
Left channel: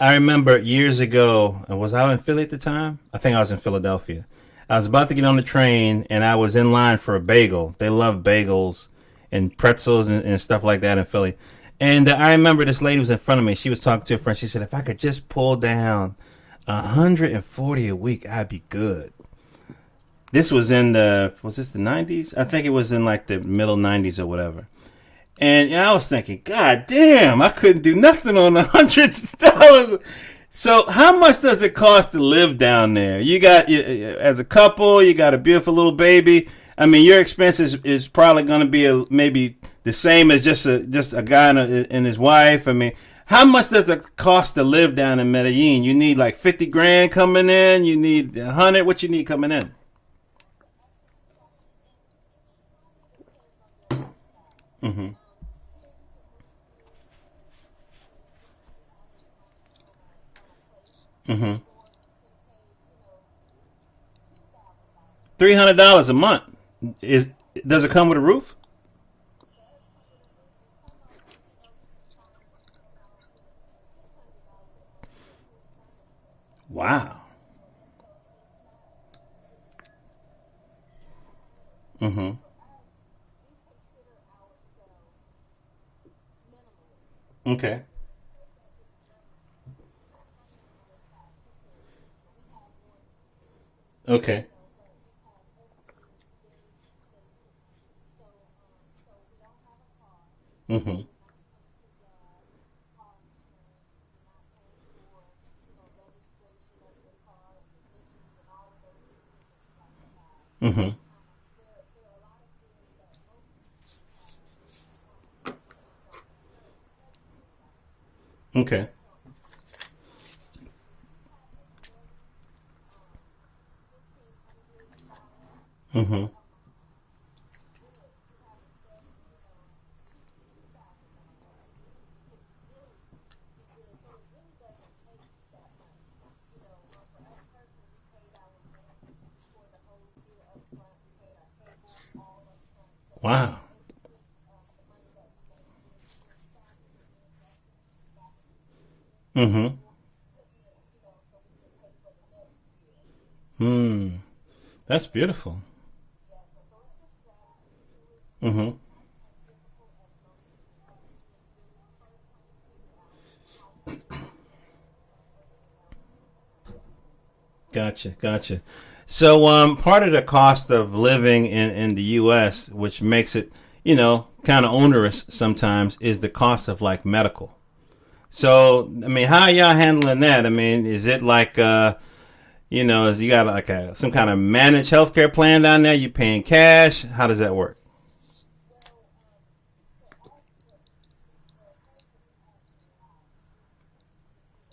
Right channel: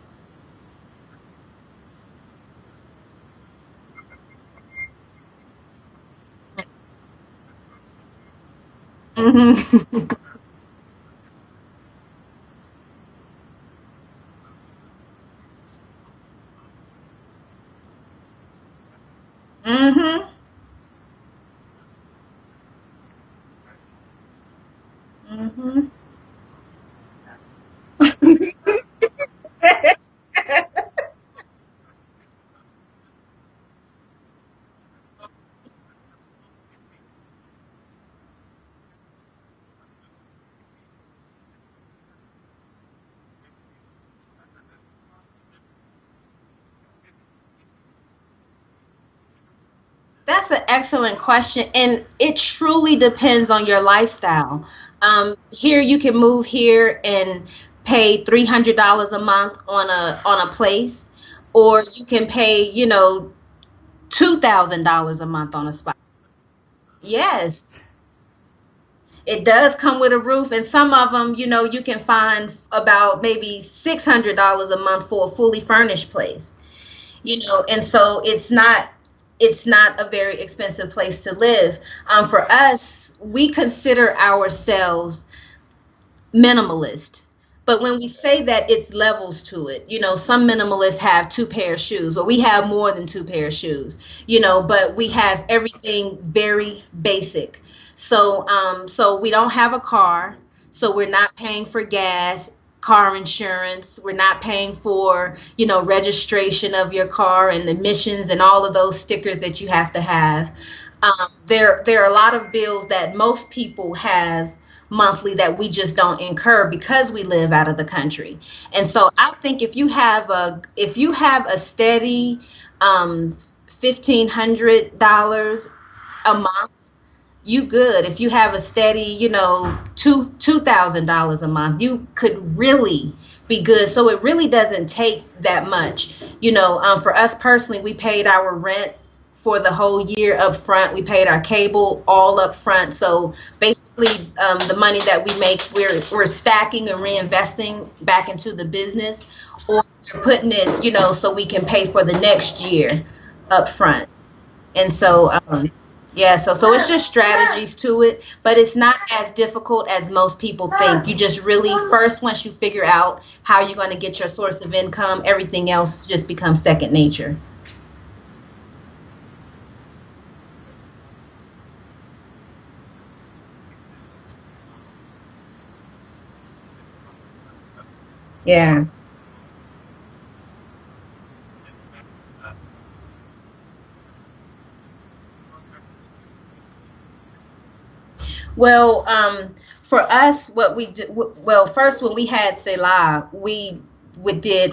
I remember years ago, was I in Philly at the time? I think I was in Philadelphia. I was about to get on the train, and I was in line for a bagel. They love bagels and pretzels and stuff like that in Philly. And I remember this lady was in front of me. She was talking to a friend. She said, if I could just pull down 140 a week, I'd be good. Mm-hmm. This was was this the 90s? I think it was in like the middle 90s or whatever. And I was thinking, God damn, I couldn't do nothing on $100. So how much does it cost to live down there? You got, as a couple, you got a beautiful little baby. I mean, your expenses is probably going to be maybe the same as just a guy and his wife. I mean, how much does it cost to live down in Medellin? You need like 50 grand coming in. You need 100. What you need coming in? That's an excellent question, and it truly depends on your lifestyle. Here, you can move here and pay $300 a month on a place, or you can pay, $2,000 a month. $300 a month. Yes. Does it come with a roof? It does come with a roof, and some of them, you can find about maybe $600 a month for a fully furnished place. Wow. And so it's not a very expensive place to live. For us, we consider ourselves minimalist. Okay. But when we say that, it's levels to it. Some minimalists have 2 pair of shoes, but we have more than 2 pair of shoes. Okay. But we have everything very basic. So we don't have a car, so we're not paying for gas, car insurance. We're not paying for, registration of your car and emissions and all of those stickers that you have to have. There are a lot of bills that most people have monthly that we just don't incur because we live out of the country. Okay. And so I think if you have a steady $1,500 a month, you good. If you have a steady, $2,000 a month, you could really be good. So it really doesn't take that much. For us personally, we paid our rent for the whole year up front. We paid our cable all up front. So basically, the money that we make, we're stacking and reinvesting back into the business, or we're putting it, so we can pay for the next year up front. And That's so, beautiful. yeah, so it's just strategies to it, but it's not as difficult as most people think. You just really, first, once you figure out how you're going to get your source of income, everything else just becomes second nature. Gotcha. So part of the cost of living in the U.S., which makes it, kind of onerous sometimes, is the cost of like medical. So, Yeah. I mean, how are y'all handling that? I mean, is it like, is you got like some kind of managed healthcare plan down there? You paying cash? How does that work? Well, for us, what we did, first when we had Selah, we had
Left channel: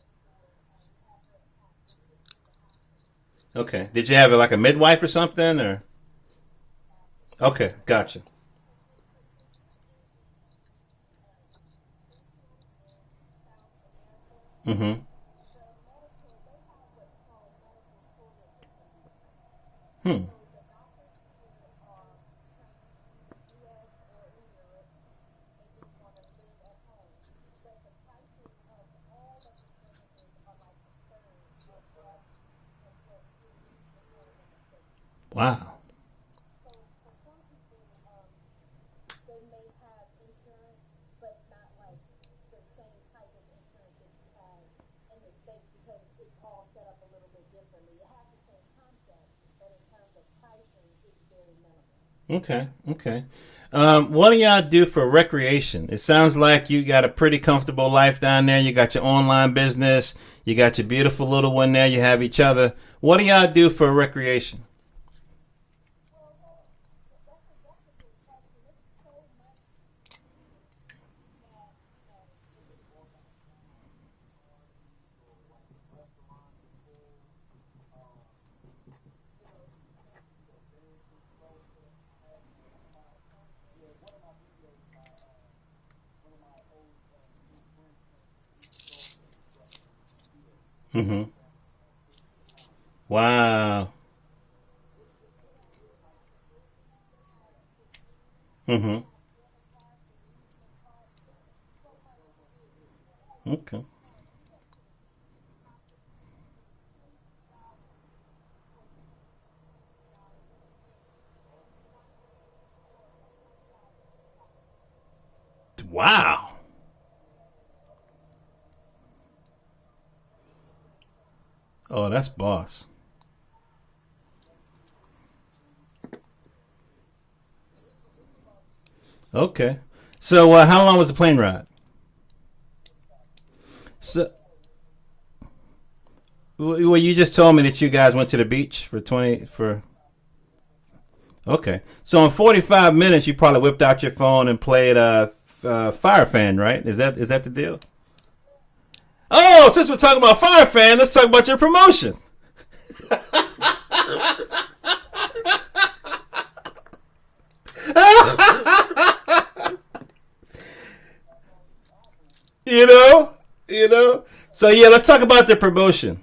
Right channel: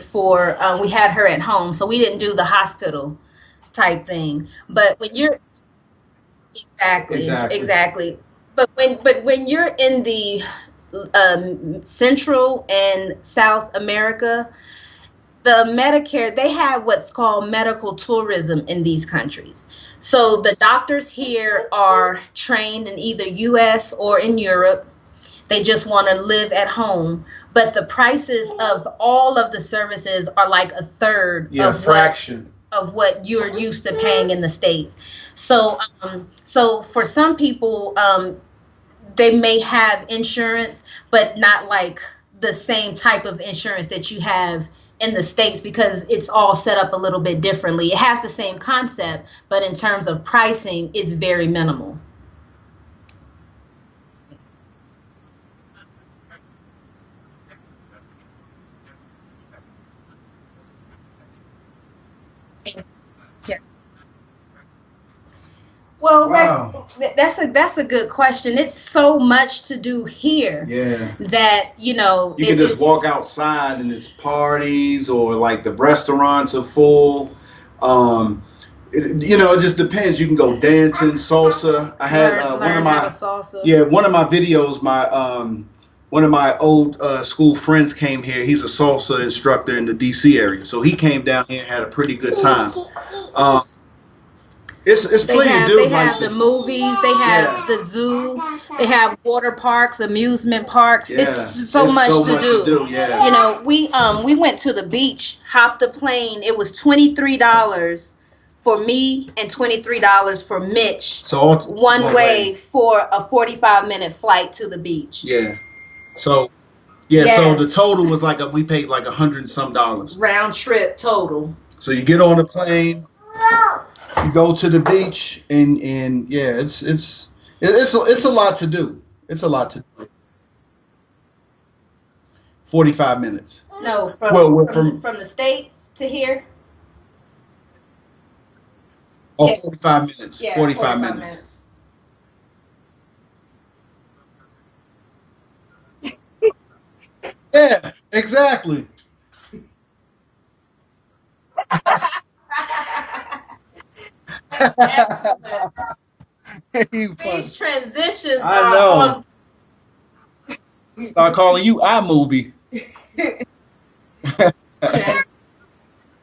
her at home, so we didn't do the hospital. Okay. Type Did you have thing. like a midwife But or something, or? Exactly. Okay, gotcha. But when you're in the Central and South America, the Medicare, they have what's called medical tourism in these countries. So the doctors here are trained in either U.S. or in Europe. They just want to live at home. But the prices of all of the services are like a third of what you're used to paying in the States. Wow. So for some people, they may have insurance, but not like the same type of insurance that you have in the States, because it's all set up a little bit differently. It has the same concept, but in terms of pricing, it's very minimal. Okay. What do y'all do for recreation? It sounds like you got a pretty comfortable life down there. You got your online business. You got your beautiful little one there. You have each other. What do y'all do for recreation? Well, Wow. that's a good question. It's so much to do here Yeah. that You can just walk outside and it's parties, or like the restaurants are full. It just depends. You can go dancing, salsa. I had learn how to salsa. one of my videos. One of my old school friends came here. He's a salsa instructor in the DC area, so he came down here and had a pretty good time. Wow. It's plenty to do. They have the movies. They have the zoo. They have water parks, amusement parks. Yeah. It's so much to do. Yeah. You know, we went to the beach, hopped the plane. It was $23 for me and $23 for Mitch. So one way for a 45-minute flight to the beach. Yeah. Wow. So so the total was we paid like $100 and some. Round trip total. So you get on the plane, you go to the beach, and it's a lot to do. It's a lot to do. So how long was the plane ride? 45 minutes. No, from the States to here. Well, you just told me that you guys went to the beach for 45 minutes. Yeah, 45 minutes. Okay. So in 45 minutes, you probably whipped out your phone and played Fire Fan, right? Is that the deal? Yeah, exactly. Oh, since we're talking about Fire Fan, let's talk about your promotion. These transitions. I know. Start calling you iMovie. You know. So yeah, let's talk about the promotion.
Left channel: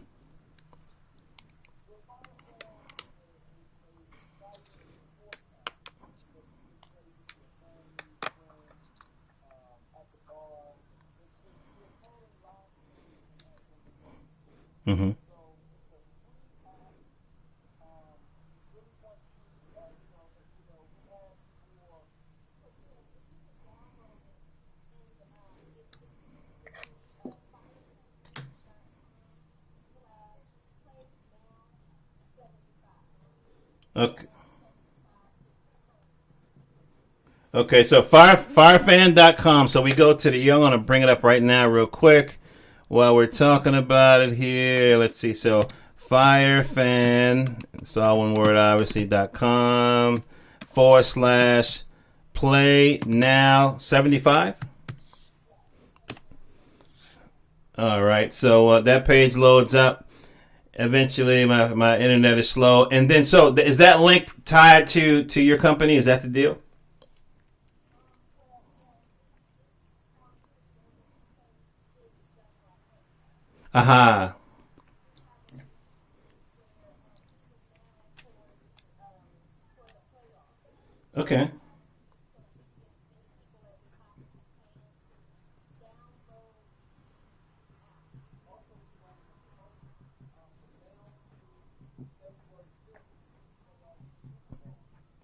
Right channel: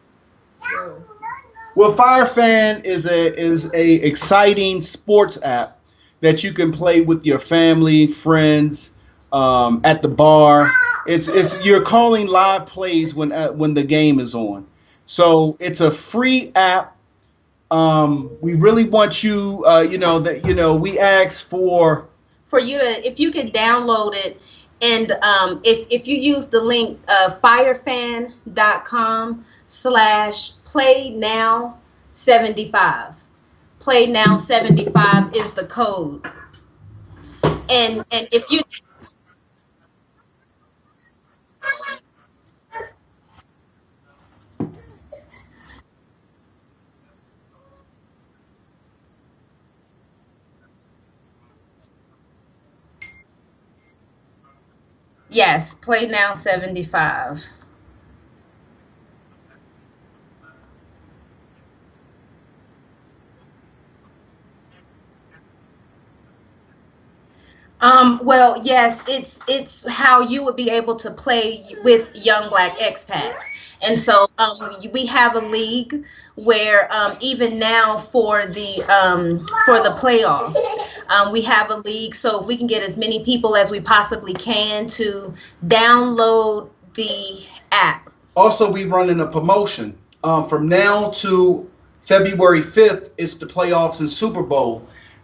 Well, Fire Fan is a exciting sports app that you can play with your family, friends, at the bar. It's you're calling live plays when the game is on. Mm-hmm. So it's a free app. We really want you, we ask for you to, if you can download it, and if you use the link firefan.com/playnow75. Playnow75 is the code. Okay, so firefan.com. So we go to I'm going to bring it up right now real quick while we're talking about it here. Let's see. So firefan, it's all one word, obviously, .com /playnow75. Yes, Playnow75. All right. So that page loads up. Eventually, my internet is slow. And then, so is that link tied to your company? Is that the deal? Well, yes, it's how you would be able to play with young Black expats. And so we have a league where even now for the playoffs, we have a league. So if we can get as many people as we possibly can to download the app. Also, we running a promotion. From now to February 5th, it's the playoffs and Super Bowl.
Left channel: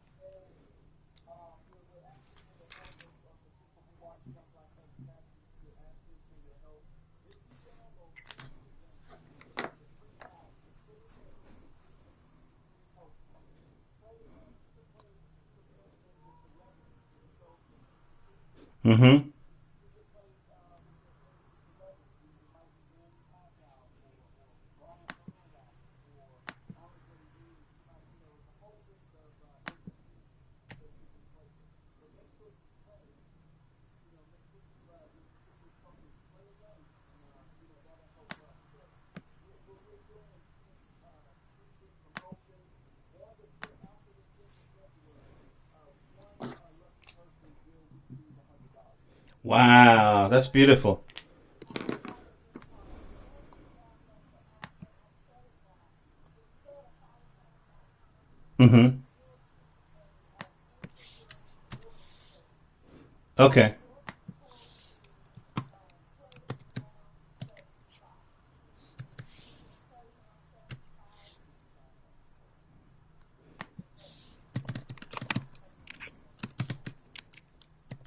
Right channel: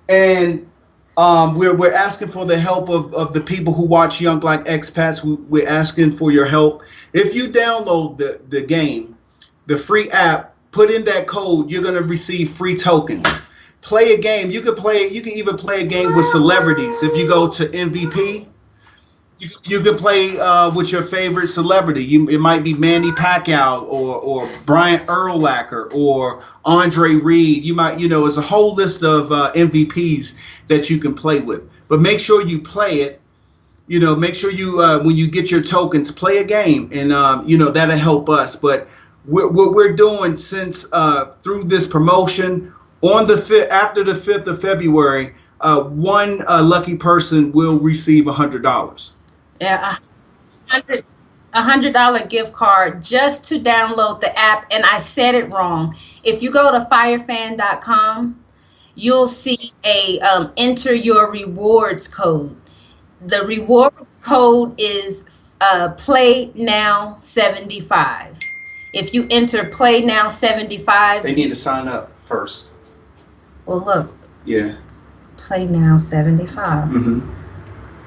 And we're asking for the help of the people who watch Young Black Expats. We're asking for your help. If you download the game, the free app, put in that code, you're going to receive free tokens. Play a game. You can even play a game with celebrities. If you go to MVP, you can play with your favorite celebrity. It might be Manny Pacquiao or Brian Urlacher or Andre Reed. You might, it's a whole list of MVPs that you can play with. But make sure you play it. Make sure you when you get your tokens, play a game, and that'll help us. But what we're doing since through this promotion on after the 5th of February. One lucky person will receive $100. Wow, that's beautiful. $100 gift card just to download the app. And I said it wrong. If you go to firefan.com, you'll see a enter your rewards code. The rewards code is PlayNow75. If you enter PlayNow75, they need to sign up first. Well, look. Yeah. Playnow75.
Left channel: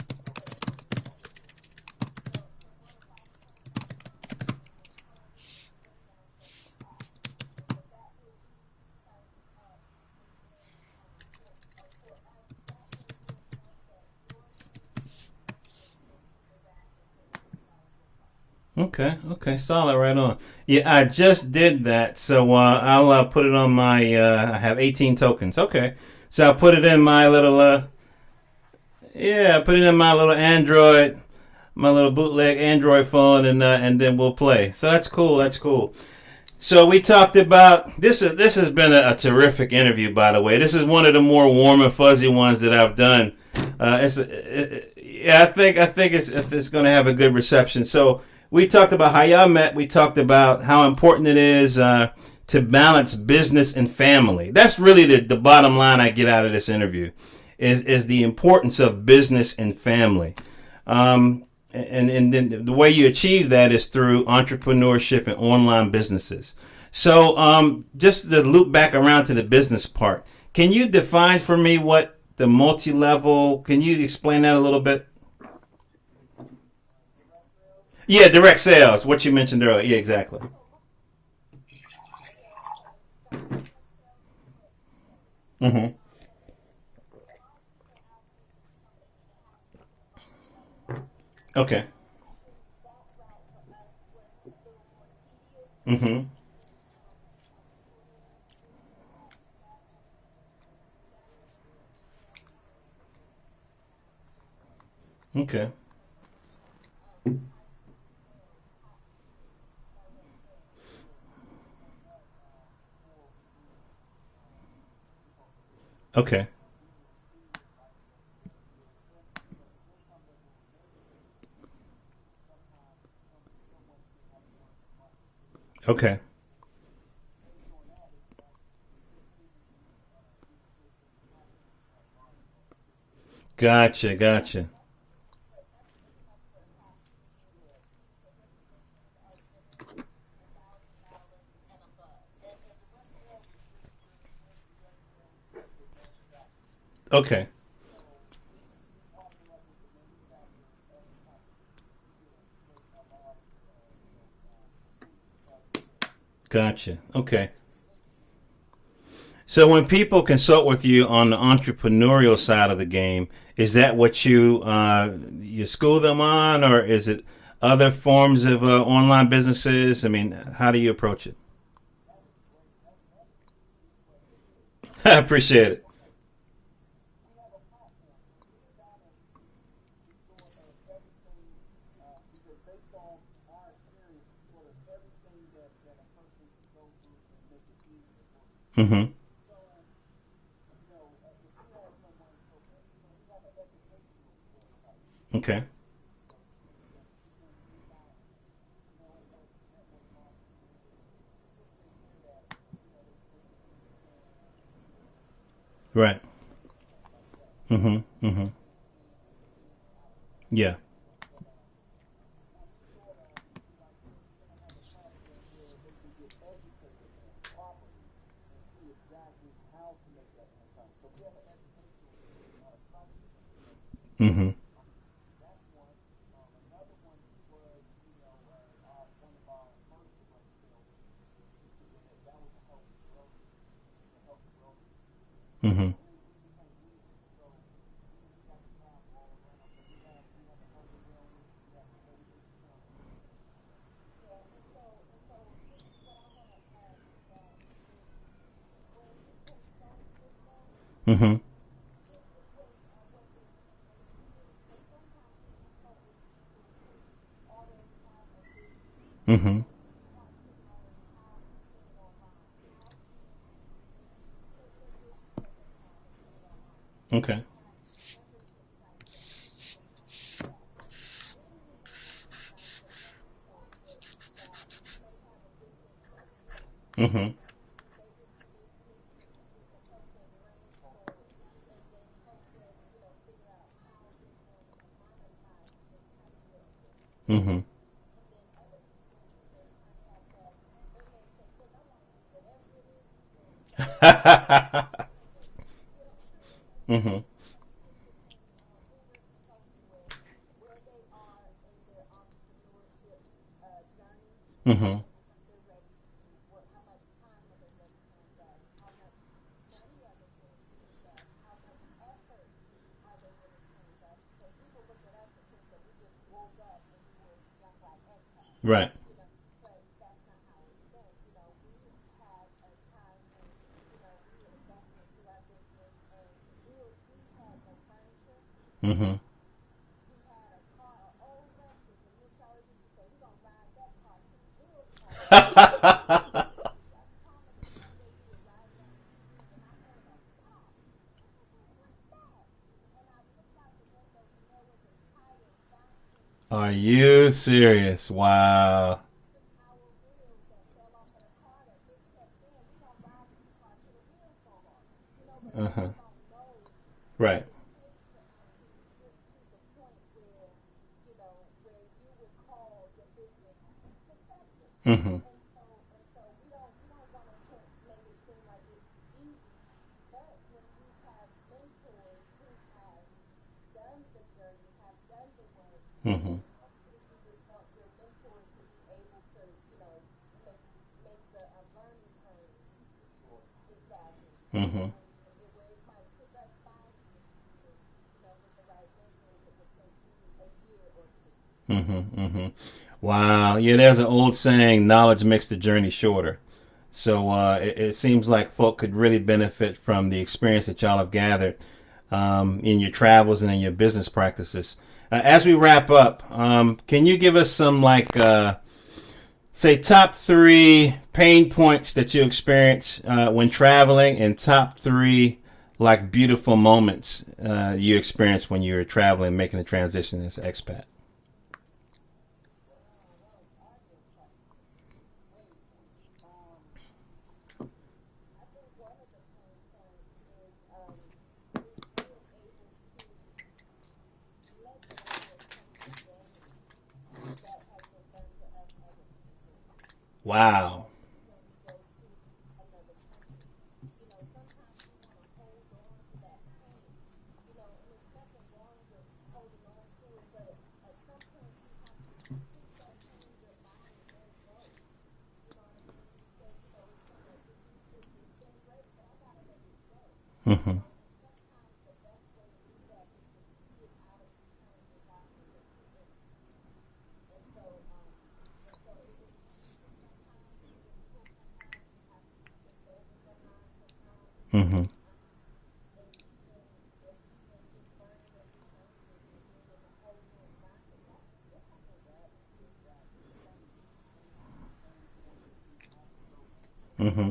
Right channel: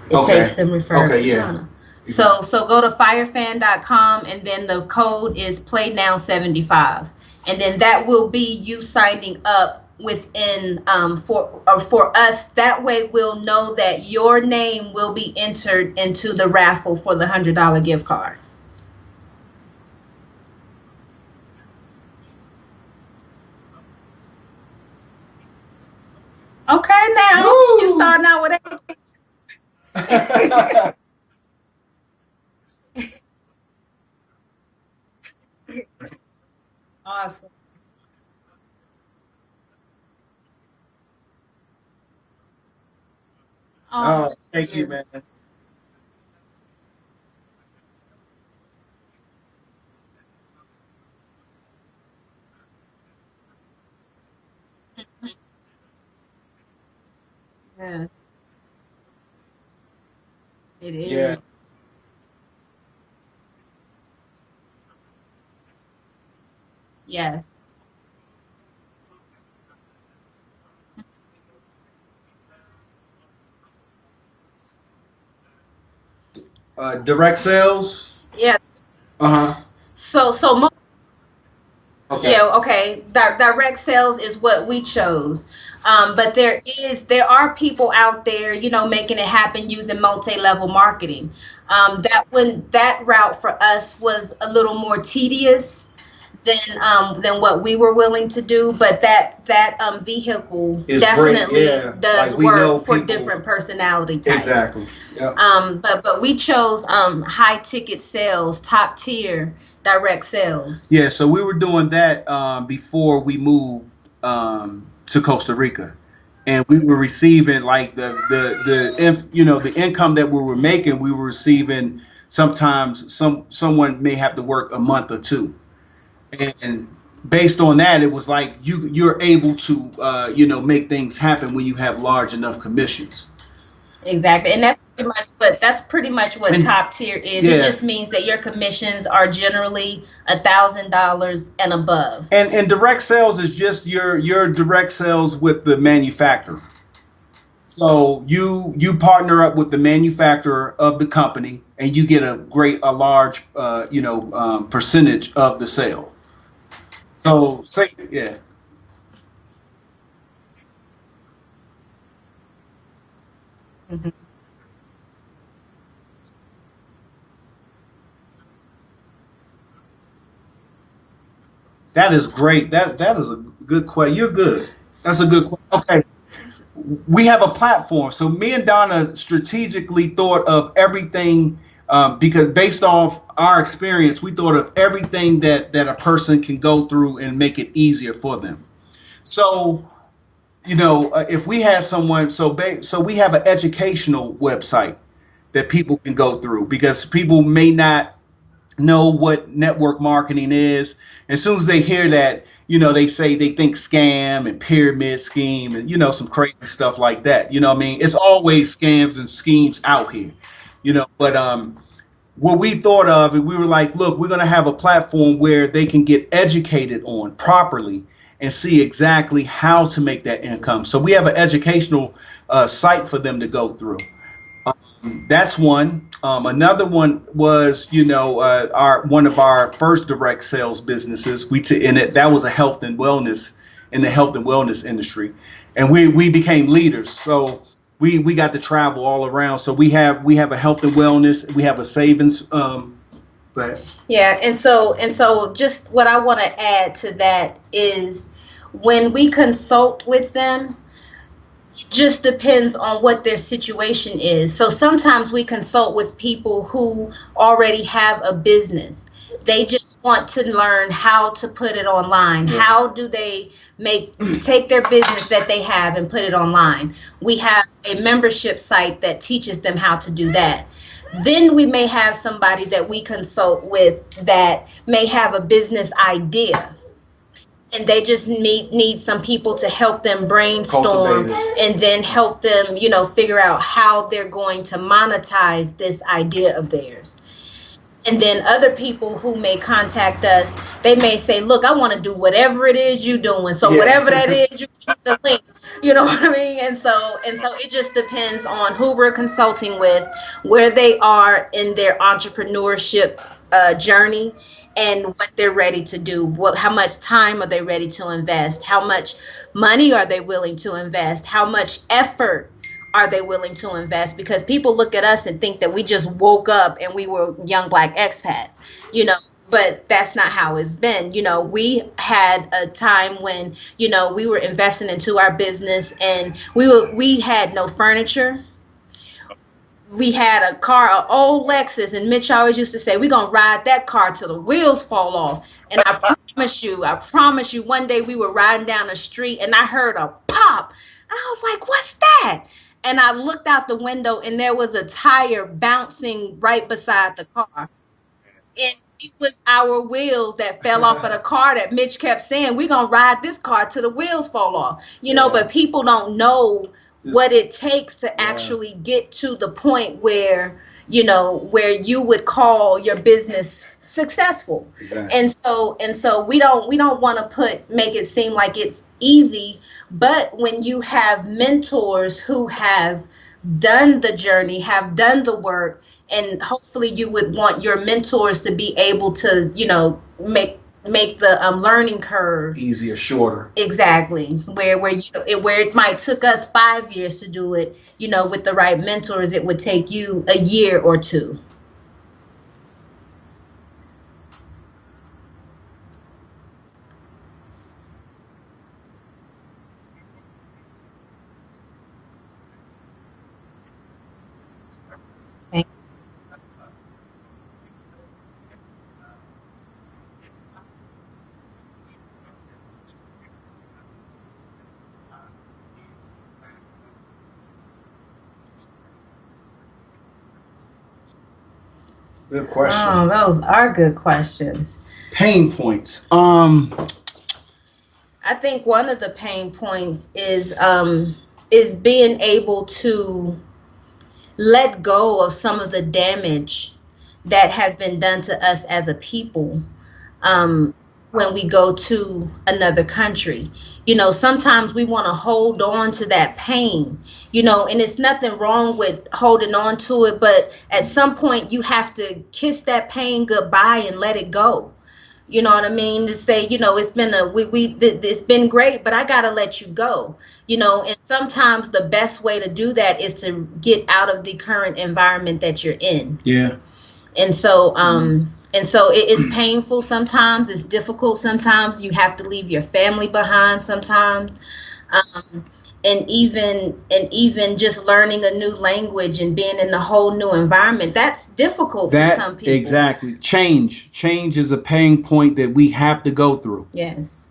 It takes them referred to Donna. So go to firefan.com, and then the code is Playnow75, and then that will be you signing up within for us. That way we'll know that your name will be entered into the raffle for the $100 gift card. Okay, solid, right on. Yeah, I just did that, so I'll put it on my. I have 18 tokens. Okay. So I put it Okay, in my now little. you starting out with everything. Yeah, I put it in my little Android, my little bootleg Android phone, and then we'll play. So that's cool. That's cool. So we talked about this. This has been a terrific interview, by the way. This is one of the more warm and fuzzy ones that I've done. Thank you, man. Yeah, I think it's going to have a good reception. So we talked about how y'all met. We talked about how important it is to balance business and family. That's really the bottom line I get out of this interview, is the importance of business and family. And then the way you achieve that is through entrepreneurship and online businesses. So just to loop back around to the business part, can you define for me what the multi-level, can you explain that a little bit? Direct sales? Yeah, direct sales, what you mentioned earlier. Yeah, exactly. Okay. Yeah, okay. Direct sales is what we chose. But there are people out there, making it happen using multi-level marketing. Okay. That route for us was a little more tedious than what we were willing to do. But that vehicle Is definitely great, yeah. does Like, we know work for people- different personality types. Exactly. Yeah. But we chose high ticket sales, top tier direct sales. Yeah, so we were doing that before we moved to Costa Rica. Okay. And we were receiving like the income that we were making. We were receiving sometimes someone may have to work a month or two. Okay. And based on that, it was like you're able to make things happen when you have large enough commissions. Gotcha. Exactly. Gotcha. And that's pretty much what top tier is. Yeah. It just means that your commissions are generally $1,000 and above. And direct sales is just your direct sales with the manufacturer. Okay. So you partner up with the manufacturer of the company, and you get a large percentage of the sale. Gotcha. Okay. So when people consult with you on the entrepreneurial side of the game, is that what you school them on, or is it other forms of online businesses? I mean, how do you approach it? That is great. That is a good question. You're good. That's I appreciate it. Okay. We have a platform. So me and Donna strategically thought of everything because based off our experience, we thought of everything that a person can go through and make it easier for them. Mm-hmm. So, if we had someone, so we have an educational website that people can go through, because people may not know what network marketing is. As soon as they hear that, they say they think scam and pyramid scheme and, some crazy stuff like that. You know what I mean? It's always scams and schemes out here. Yeah. But what we thought of, and we were like, look, we're going to have a platform where they can get educated on properly and see exactly how to make that income. So we have an educational site for them to go through. That's one. Another one was, one of our first direct sales businesses. That was a health and wellness in the health and wellness industry, and we became leaders. So we got to travel all around. So we have a health and wellness. We have a savings. Yeah, and so just what I want to add to that is when we consult with them. It just depends on what their situation is. So sometimes we consult with people who already have a business. They just want to learn how to put it online. How do they take their business that they have and put it online? We have a membership site that teaches them how to do that. Then we may have somebody that we consult with that may have a business idea. And they just need some people to help them brainstorm and then help them, figure out how they're going to monetize this idea of theirs. And then other people who may contact us, they may say, look, I want to do whatever it is you're doing. So whatever that is, you give me the link. You know what I mean? And so it just depends on who we're consulting with, where they are in their entrepreneurship journey, and what they're ready to do. How much time are they ready to invest? How much money are they willing to invest? How much effort are they willing to invest? Because people look at us and think that we just woke up and we were young Black expats. Right. but that's not how it's been. We had a time when, we were investing into our business, and we had no furniture. Mm-hmm. We had a car, an old Lexus, and Mitch always used to say, we're going to ride that car till the wheels fall off. And I promise you, one day we were riding down the street and I heard a pop. And I was like, what's that? And I looked out the window and there was a tire bouncing right beside the car. Are you serious? Wow. And it was our wheels that fell off of the car that Mitch kept saying, we're going to ride this car till the wheels fall off. But people don't know what it takes to actually get to the point where you would call your business successful. Yeah. And so we don't want to make it seem like it's easy, but when you have mentors who have done the journey, have done the work, and hopefully you would want your mentors to be able to, make the learning curve easier, shorter. Exactly. Where it might took us 5 years to do it, with the right mentors, it would take you a year or two. Wow. Yeah, there's an old saying, knowledge makes the journey shorter. So it seems like folk could really benefit from the experience that y'all have gathered in your travels and in your business practices. As we wrap up, can you give us some say top 3 pain points that you experience when traveling, and top 3 beautiful moments you experienced when you were traveling, making the transition as an expat? Good question. Oh, those are good questions. Pain points. I think one of the pain points is being able to let go of some of the damage that has been done to us as a people when we go to another country. Sometimes we want to hold on to that pain, and it's nothing wrong with holding on to it, but at some point you have to kiss that pain goodbye and let it go. You know what I mean? To say, it's been it's been great, but I gotta let you go. And sometimes the best way to do that is to get out of the current environment that you're in. Yeah. And so it is painful sometimes. It's difficult sometimes. You have to leave your family behind sometimes. And even just learning a new language and being in a whole new environment, that's difficult for some people. Exactly. Change is a pain point that we have to go through. Yes.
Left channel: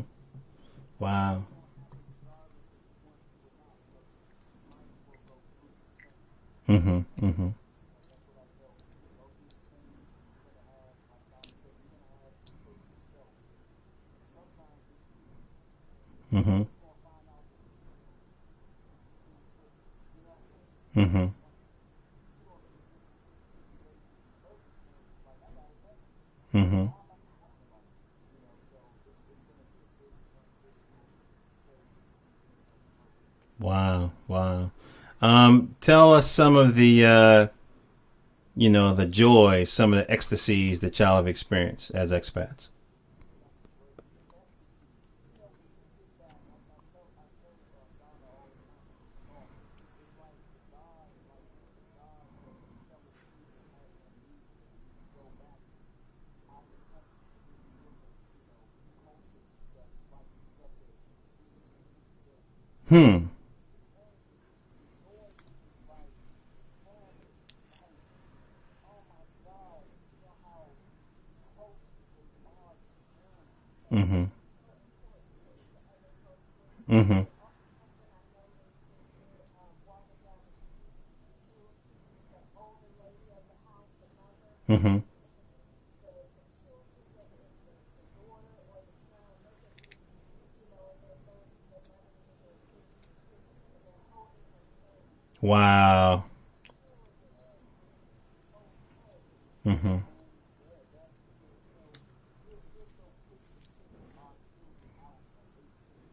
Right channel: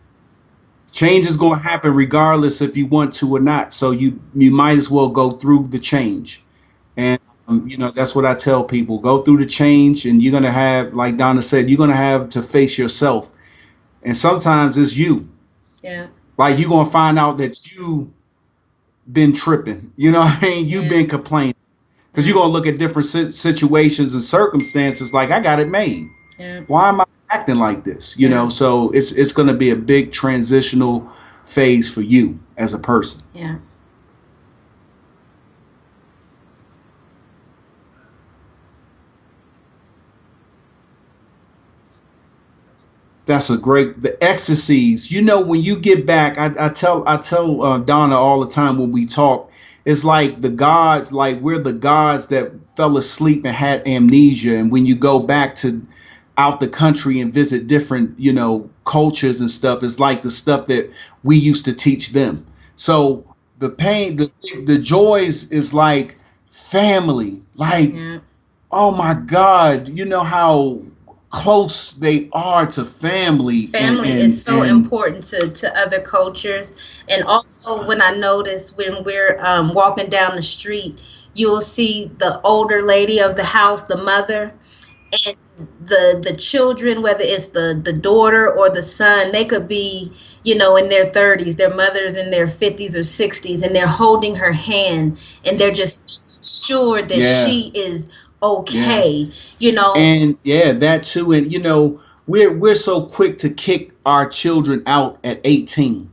Change is going to happen regardless if you want to or not. So you might as well go through the change. That's what I tell people. Go through the change, and you're going to have, like Donna said, you're going to have to face yourself. And sometimes it's you. Yeah. Like you're going to find out that you been tripping. You've been complaining. Because you're going to look at different situations and circumstances like, I got it made. Yeah. Why am I acting like this? So it's going to be a big transitional phase for you as a person. Yeah. Wow. Tell us some of the, the joys, some of the ecstasies that y'all have experienced as expats. That's the ecstasies. When you get back, I tell Donna all the time when we talk, it's like the gods, like we're the gods that fell asleep and had amnesia. And when you go back to out the country and visit different, cultures and stuff, it's like the stuff that we used to teach them. So the pain, the joys is like family, oh my God, how close they are to family. Family is so important to other cultures. And also when I notice when we're walking down the street, you'll see the older lady of the house, the mother, and the children, whether it's the daughter or the son, they could be, in their 30s, their mother's in their 50s or 60s, and they're holding her hand, and they're just making sure that she is okay, And that too. And we're so quick to kick our children out at 18.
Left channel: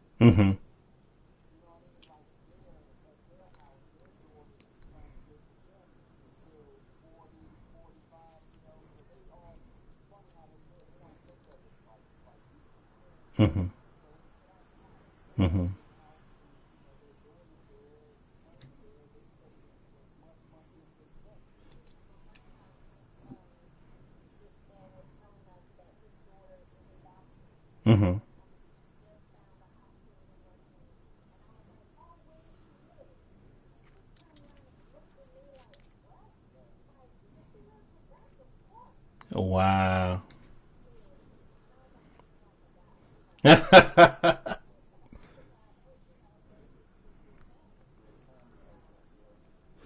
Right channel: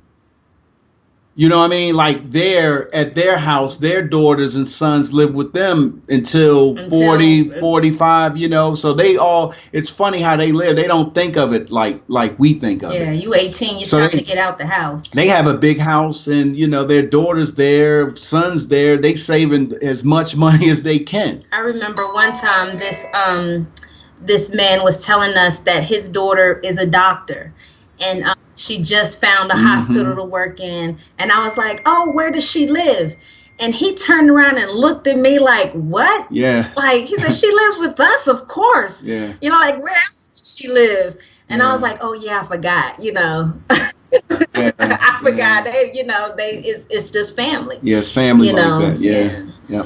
You know what I mean? Like they're at their house, their daughters and sons live with them until 40, 45, so it's funny how they live. They don't think of it like we think of it. Yeah, you 18, you're trying to get out the house. They have a big house, and their daughters there, sons there, they saving as much money as they can. I remember one time this man was telling us that his daughter is a doctor, and she just found a hospital to work in. And I was like, oh, where does she live? And he turned around and looked at me like, what? Yeah. Like, he said, she lives with us, of course. Yeah. You know, like, where else does she live? And I was like, oh, yeah, I forgot, you know. I forgot. They, you know, it's just family. Yeah, it's family you like know? that. Yeah. Yep.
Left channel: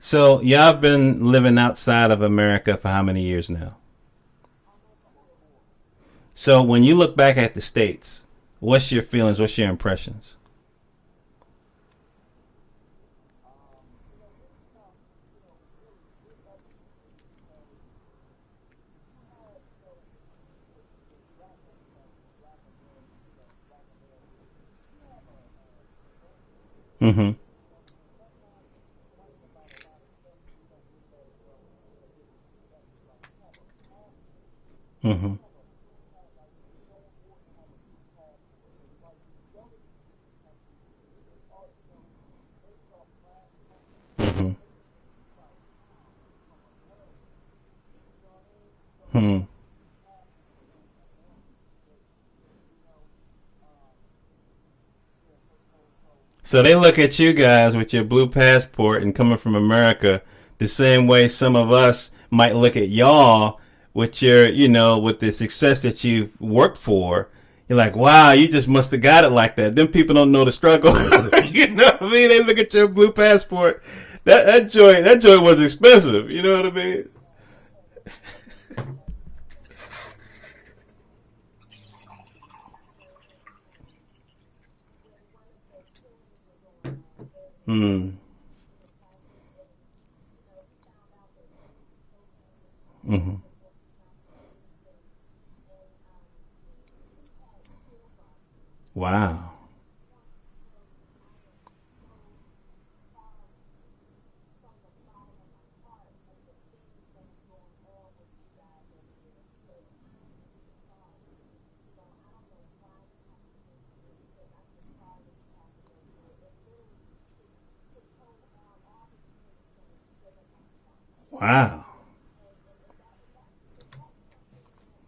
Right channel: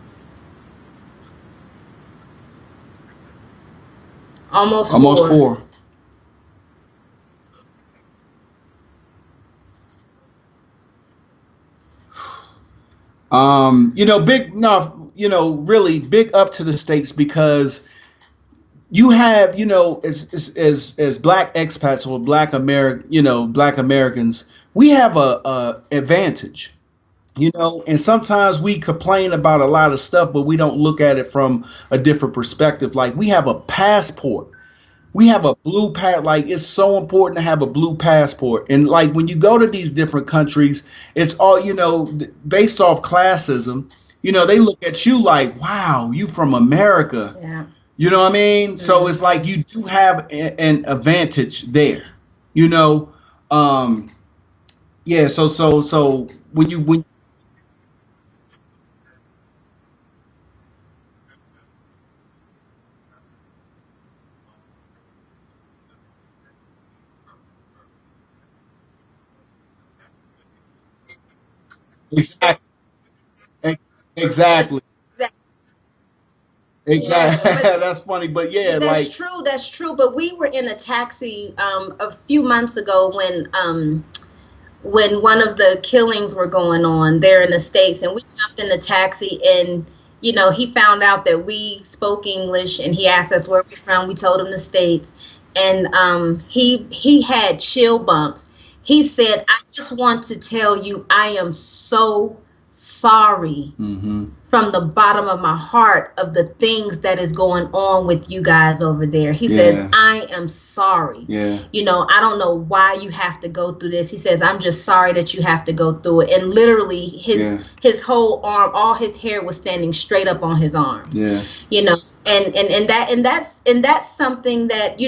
So y'all been living outside of America for how many years now? Almost 4. So when you look back at the States, what's your feelings? What's your impressions? Really big up to the States, because you have, as Black expats or Black Americans, we have a advantage, and sometimes we complain about a lot of stuff, but we don't look at it from a different perspective. Like, we have a passport. We have a blue like, it's so important to have a blue passport. And like, when you go to these different countries, it's all, based off classism, they look at you like, wow, you from America. Yeah. You know what I mean? So it's like, you do have an advantage there, So they look at you guys with your blue passport and coming from America the same way some of us might look at y'all with your, with the success that you've worked for. You're like, wow, you just must have got it like that. Them people don't know the struggle. You know what I mean? They look at your blue passport. Exactly. That joint was expensive. You know what I mean? Exactly. Yeah, That's funny, but yeah, that's true. That's true. But we were in a taxi a few months ago when one of the killings were going on there in the States, and we jumped in the taxi, and he found out that we spoke English, and he asked us where we're from. We told him the States, and he had chill bumps. He said, I just want to tell you, I am so sorry from the bottom of my heart of the things that is going on with you guys over there. He says, I am sorry. Yeah. I don't know why you have to go through this. He says, I'm just sorry that you have to go through it. And literally his whole arm, all his hair was standing straight up on his arms. Yeah. Wow. And that's something that,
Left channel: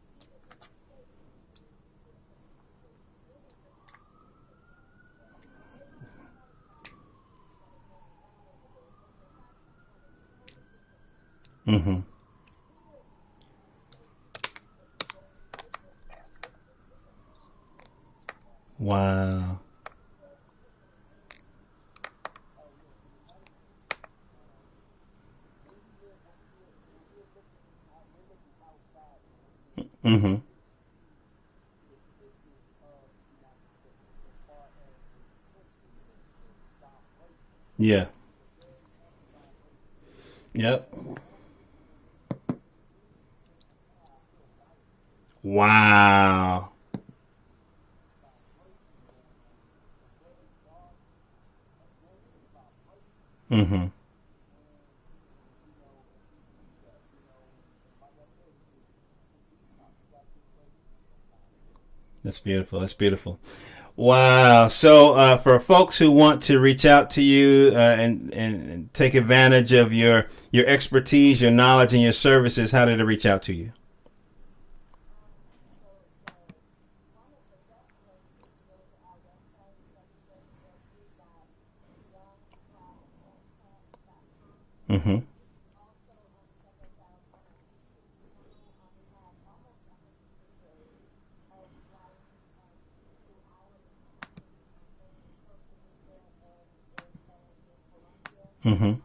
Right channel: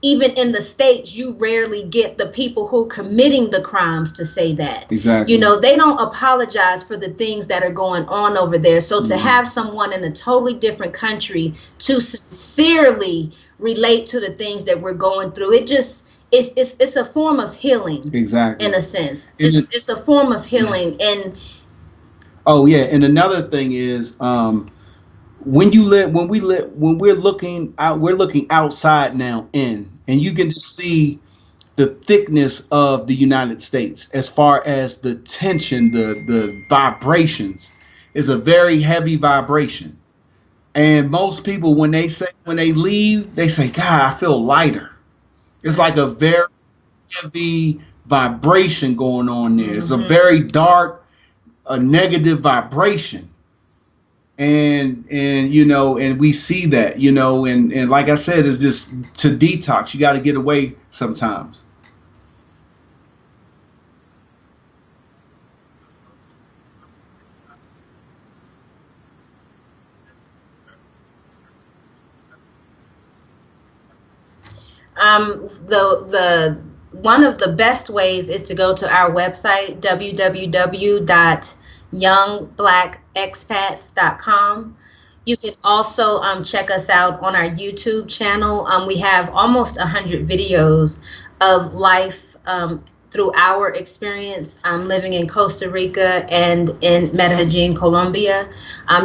even in the States, you rarely get the people who are committing the crimes to say that. Exactly. They don't apologize for the things that are going on over there. So to have someone in a totally different country to sincerely relate to the things that we're going through, it's a form of healing. Exactly. In a sense. It's a form of healing. And and another thing is, when we're looking out, we're looking outside now in, and you can just see the thickness of the United States as far as the tension, the vibrations. Yeah. Is a very heavy vibration. Yeah. And most people, when they leave, they say, God, I feel lighter. Wow. It's like a very heavy vibration going on there. It's a very dark, a negative vibration. And we see that, and like I said, it's just to detox. You got to get away sometimes. That's beautiful. That's beautiful. Wow. So for folks who want to reach out to you and take advantage of your expertise, your knowledge, and your services, how do they reach out to you? The one of the best ways is to go to our website, www.youngblackexpats.com. You can also check us out on our YouTube channel. We have almost 100 videos of life through our experience living in Costa Rica and in Medellin, Colombia.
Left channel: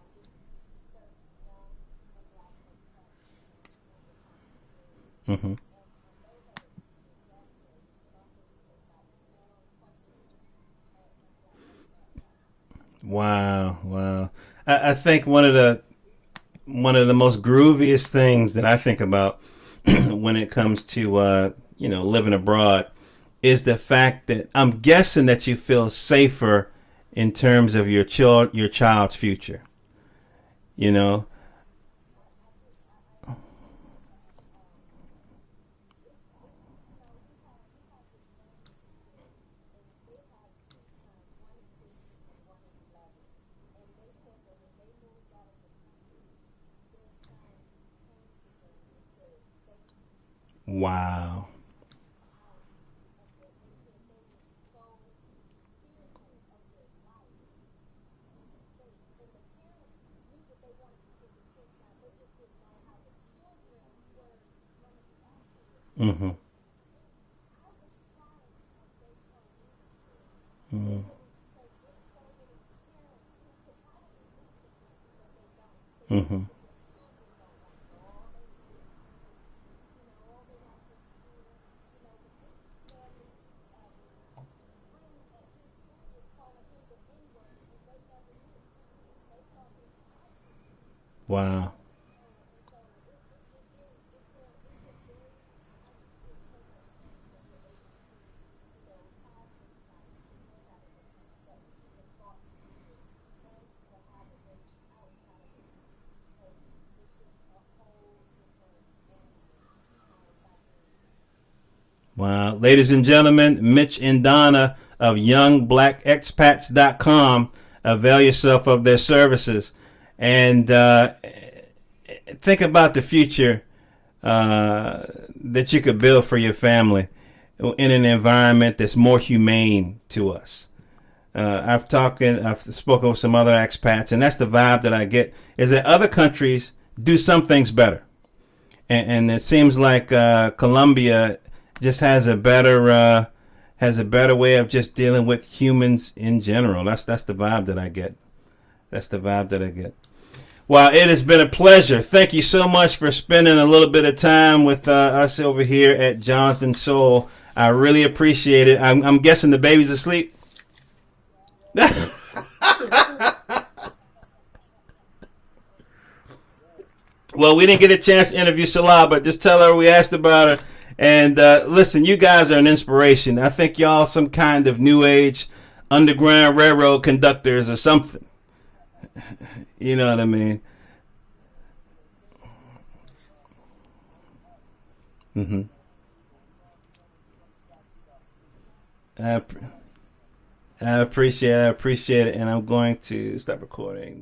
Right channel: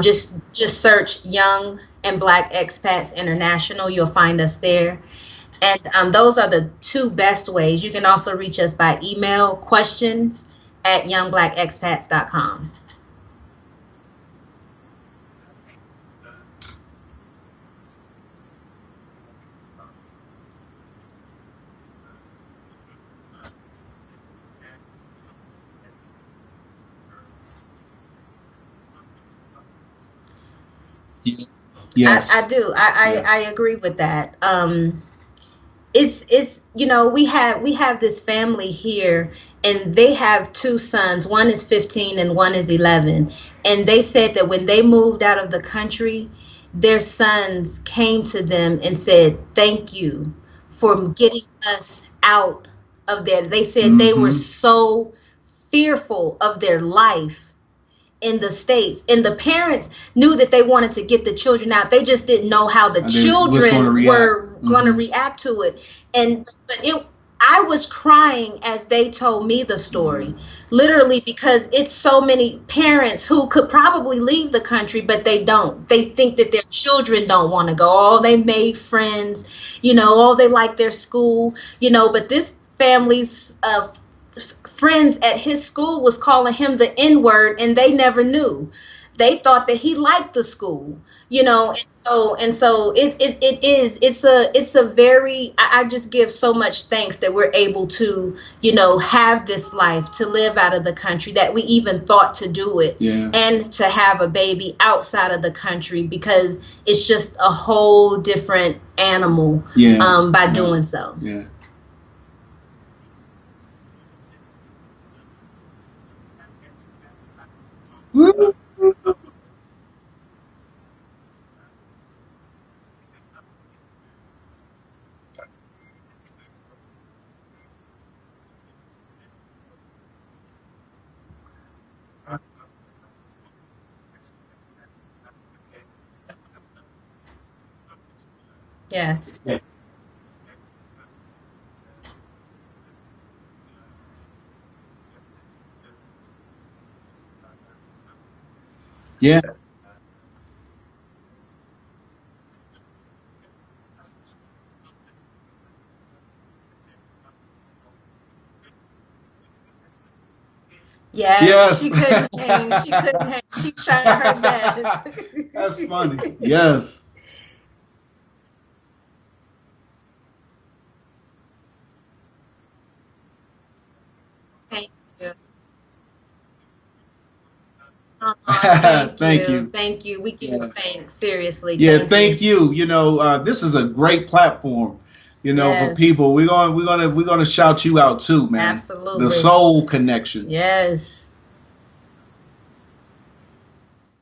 Just search Young and Black Expats International. You'll find us there. And those are the two best ways. You can also reach us by email, questions@youngblackexpats.com. Wow. I think one of the most grooviest things that I think about when it comes to living abroad is the fact that I'm guessing that you feel safer in terms of your child's future. Yes. I do. I agree with that. It's we have this family here, and they have two sons. One is 15 and one is 11. And they said that when they moved out of the country, their sons came to them and said, "Thank you for Wow. getting us out of there." They said they were so fearful of their life in the States, and the parents knew that they wanted to get the children out. They just didn't know how the children were going to react to it. And but I was crying as they told me the story, literally, because it's so many parents who could probably leave the country, but they don't. They think that their children don't want to go. Oh, they made friends, oh, they like their school, but this family's friends at his school was calling him the N-word, and they never knew. They thought that he liked the school, and so it's a very, I just give so much thanks that we're able to, have this life, to live out of the country, that we even thought to do it, and to have a baby outside of the country, because it's just a whole different animal by doing so. Wow. Ladies and gentlemen, Mitch and Donna of YoungBlackExpats.com. Avail yourself of their services, and think about the future that you could build for your family in an environment that's more humane to us. I've spoken with some other expats, and that's the vibe that I get, is that other countries do some things better. And it seems like Colombia just has a better way of just dealing with humans in general. That's the vibe that I get. That's the vibe that I get. Well, it has been a pleasure. Thank you so much for spending a little bit of time with us over here at Johnathan Soul. I really appreciate it. I'm guessing the baby's asleep? Yes. She couldn't change. She's trying her best. That's funny. Yes. Well, we didn't get a chance to interview Salah, but just tell her we asked about her. And listen, you guys are an inspiration. I think y'all some kind of new age Underground Railroad conductors or something. Thank you. You know what I mean? Thanks. Seriously. Yeah, thank you. This is a great platform. For people. We're gonna shout you out too, man. Absolutely. The Soul Connection. Yes. I appreciate it, and I'm going to stop recording.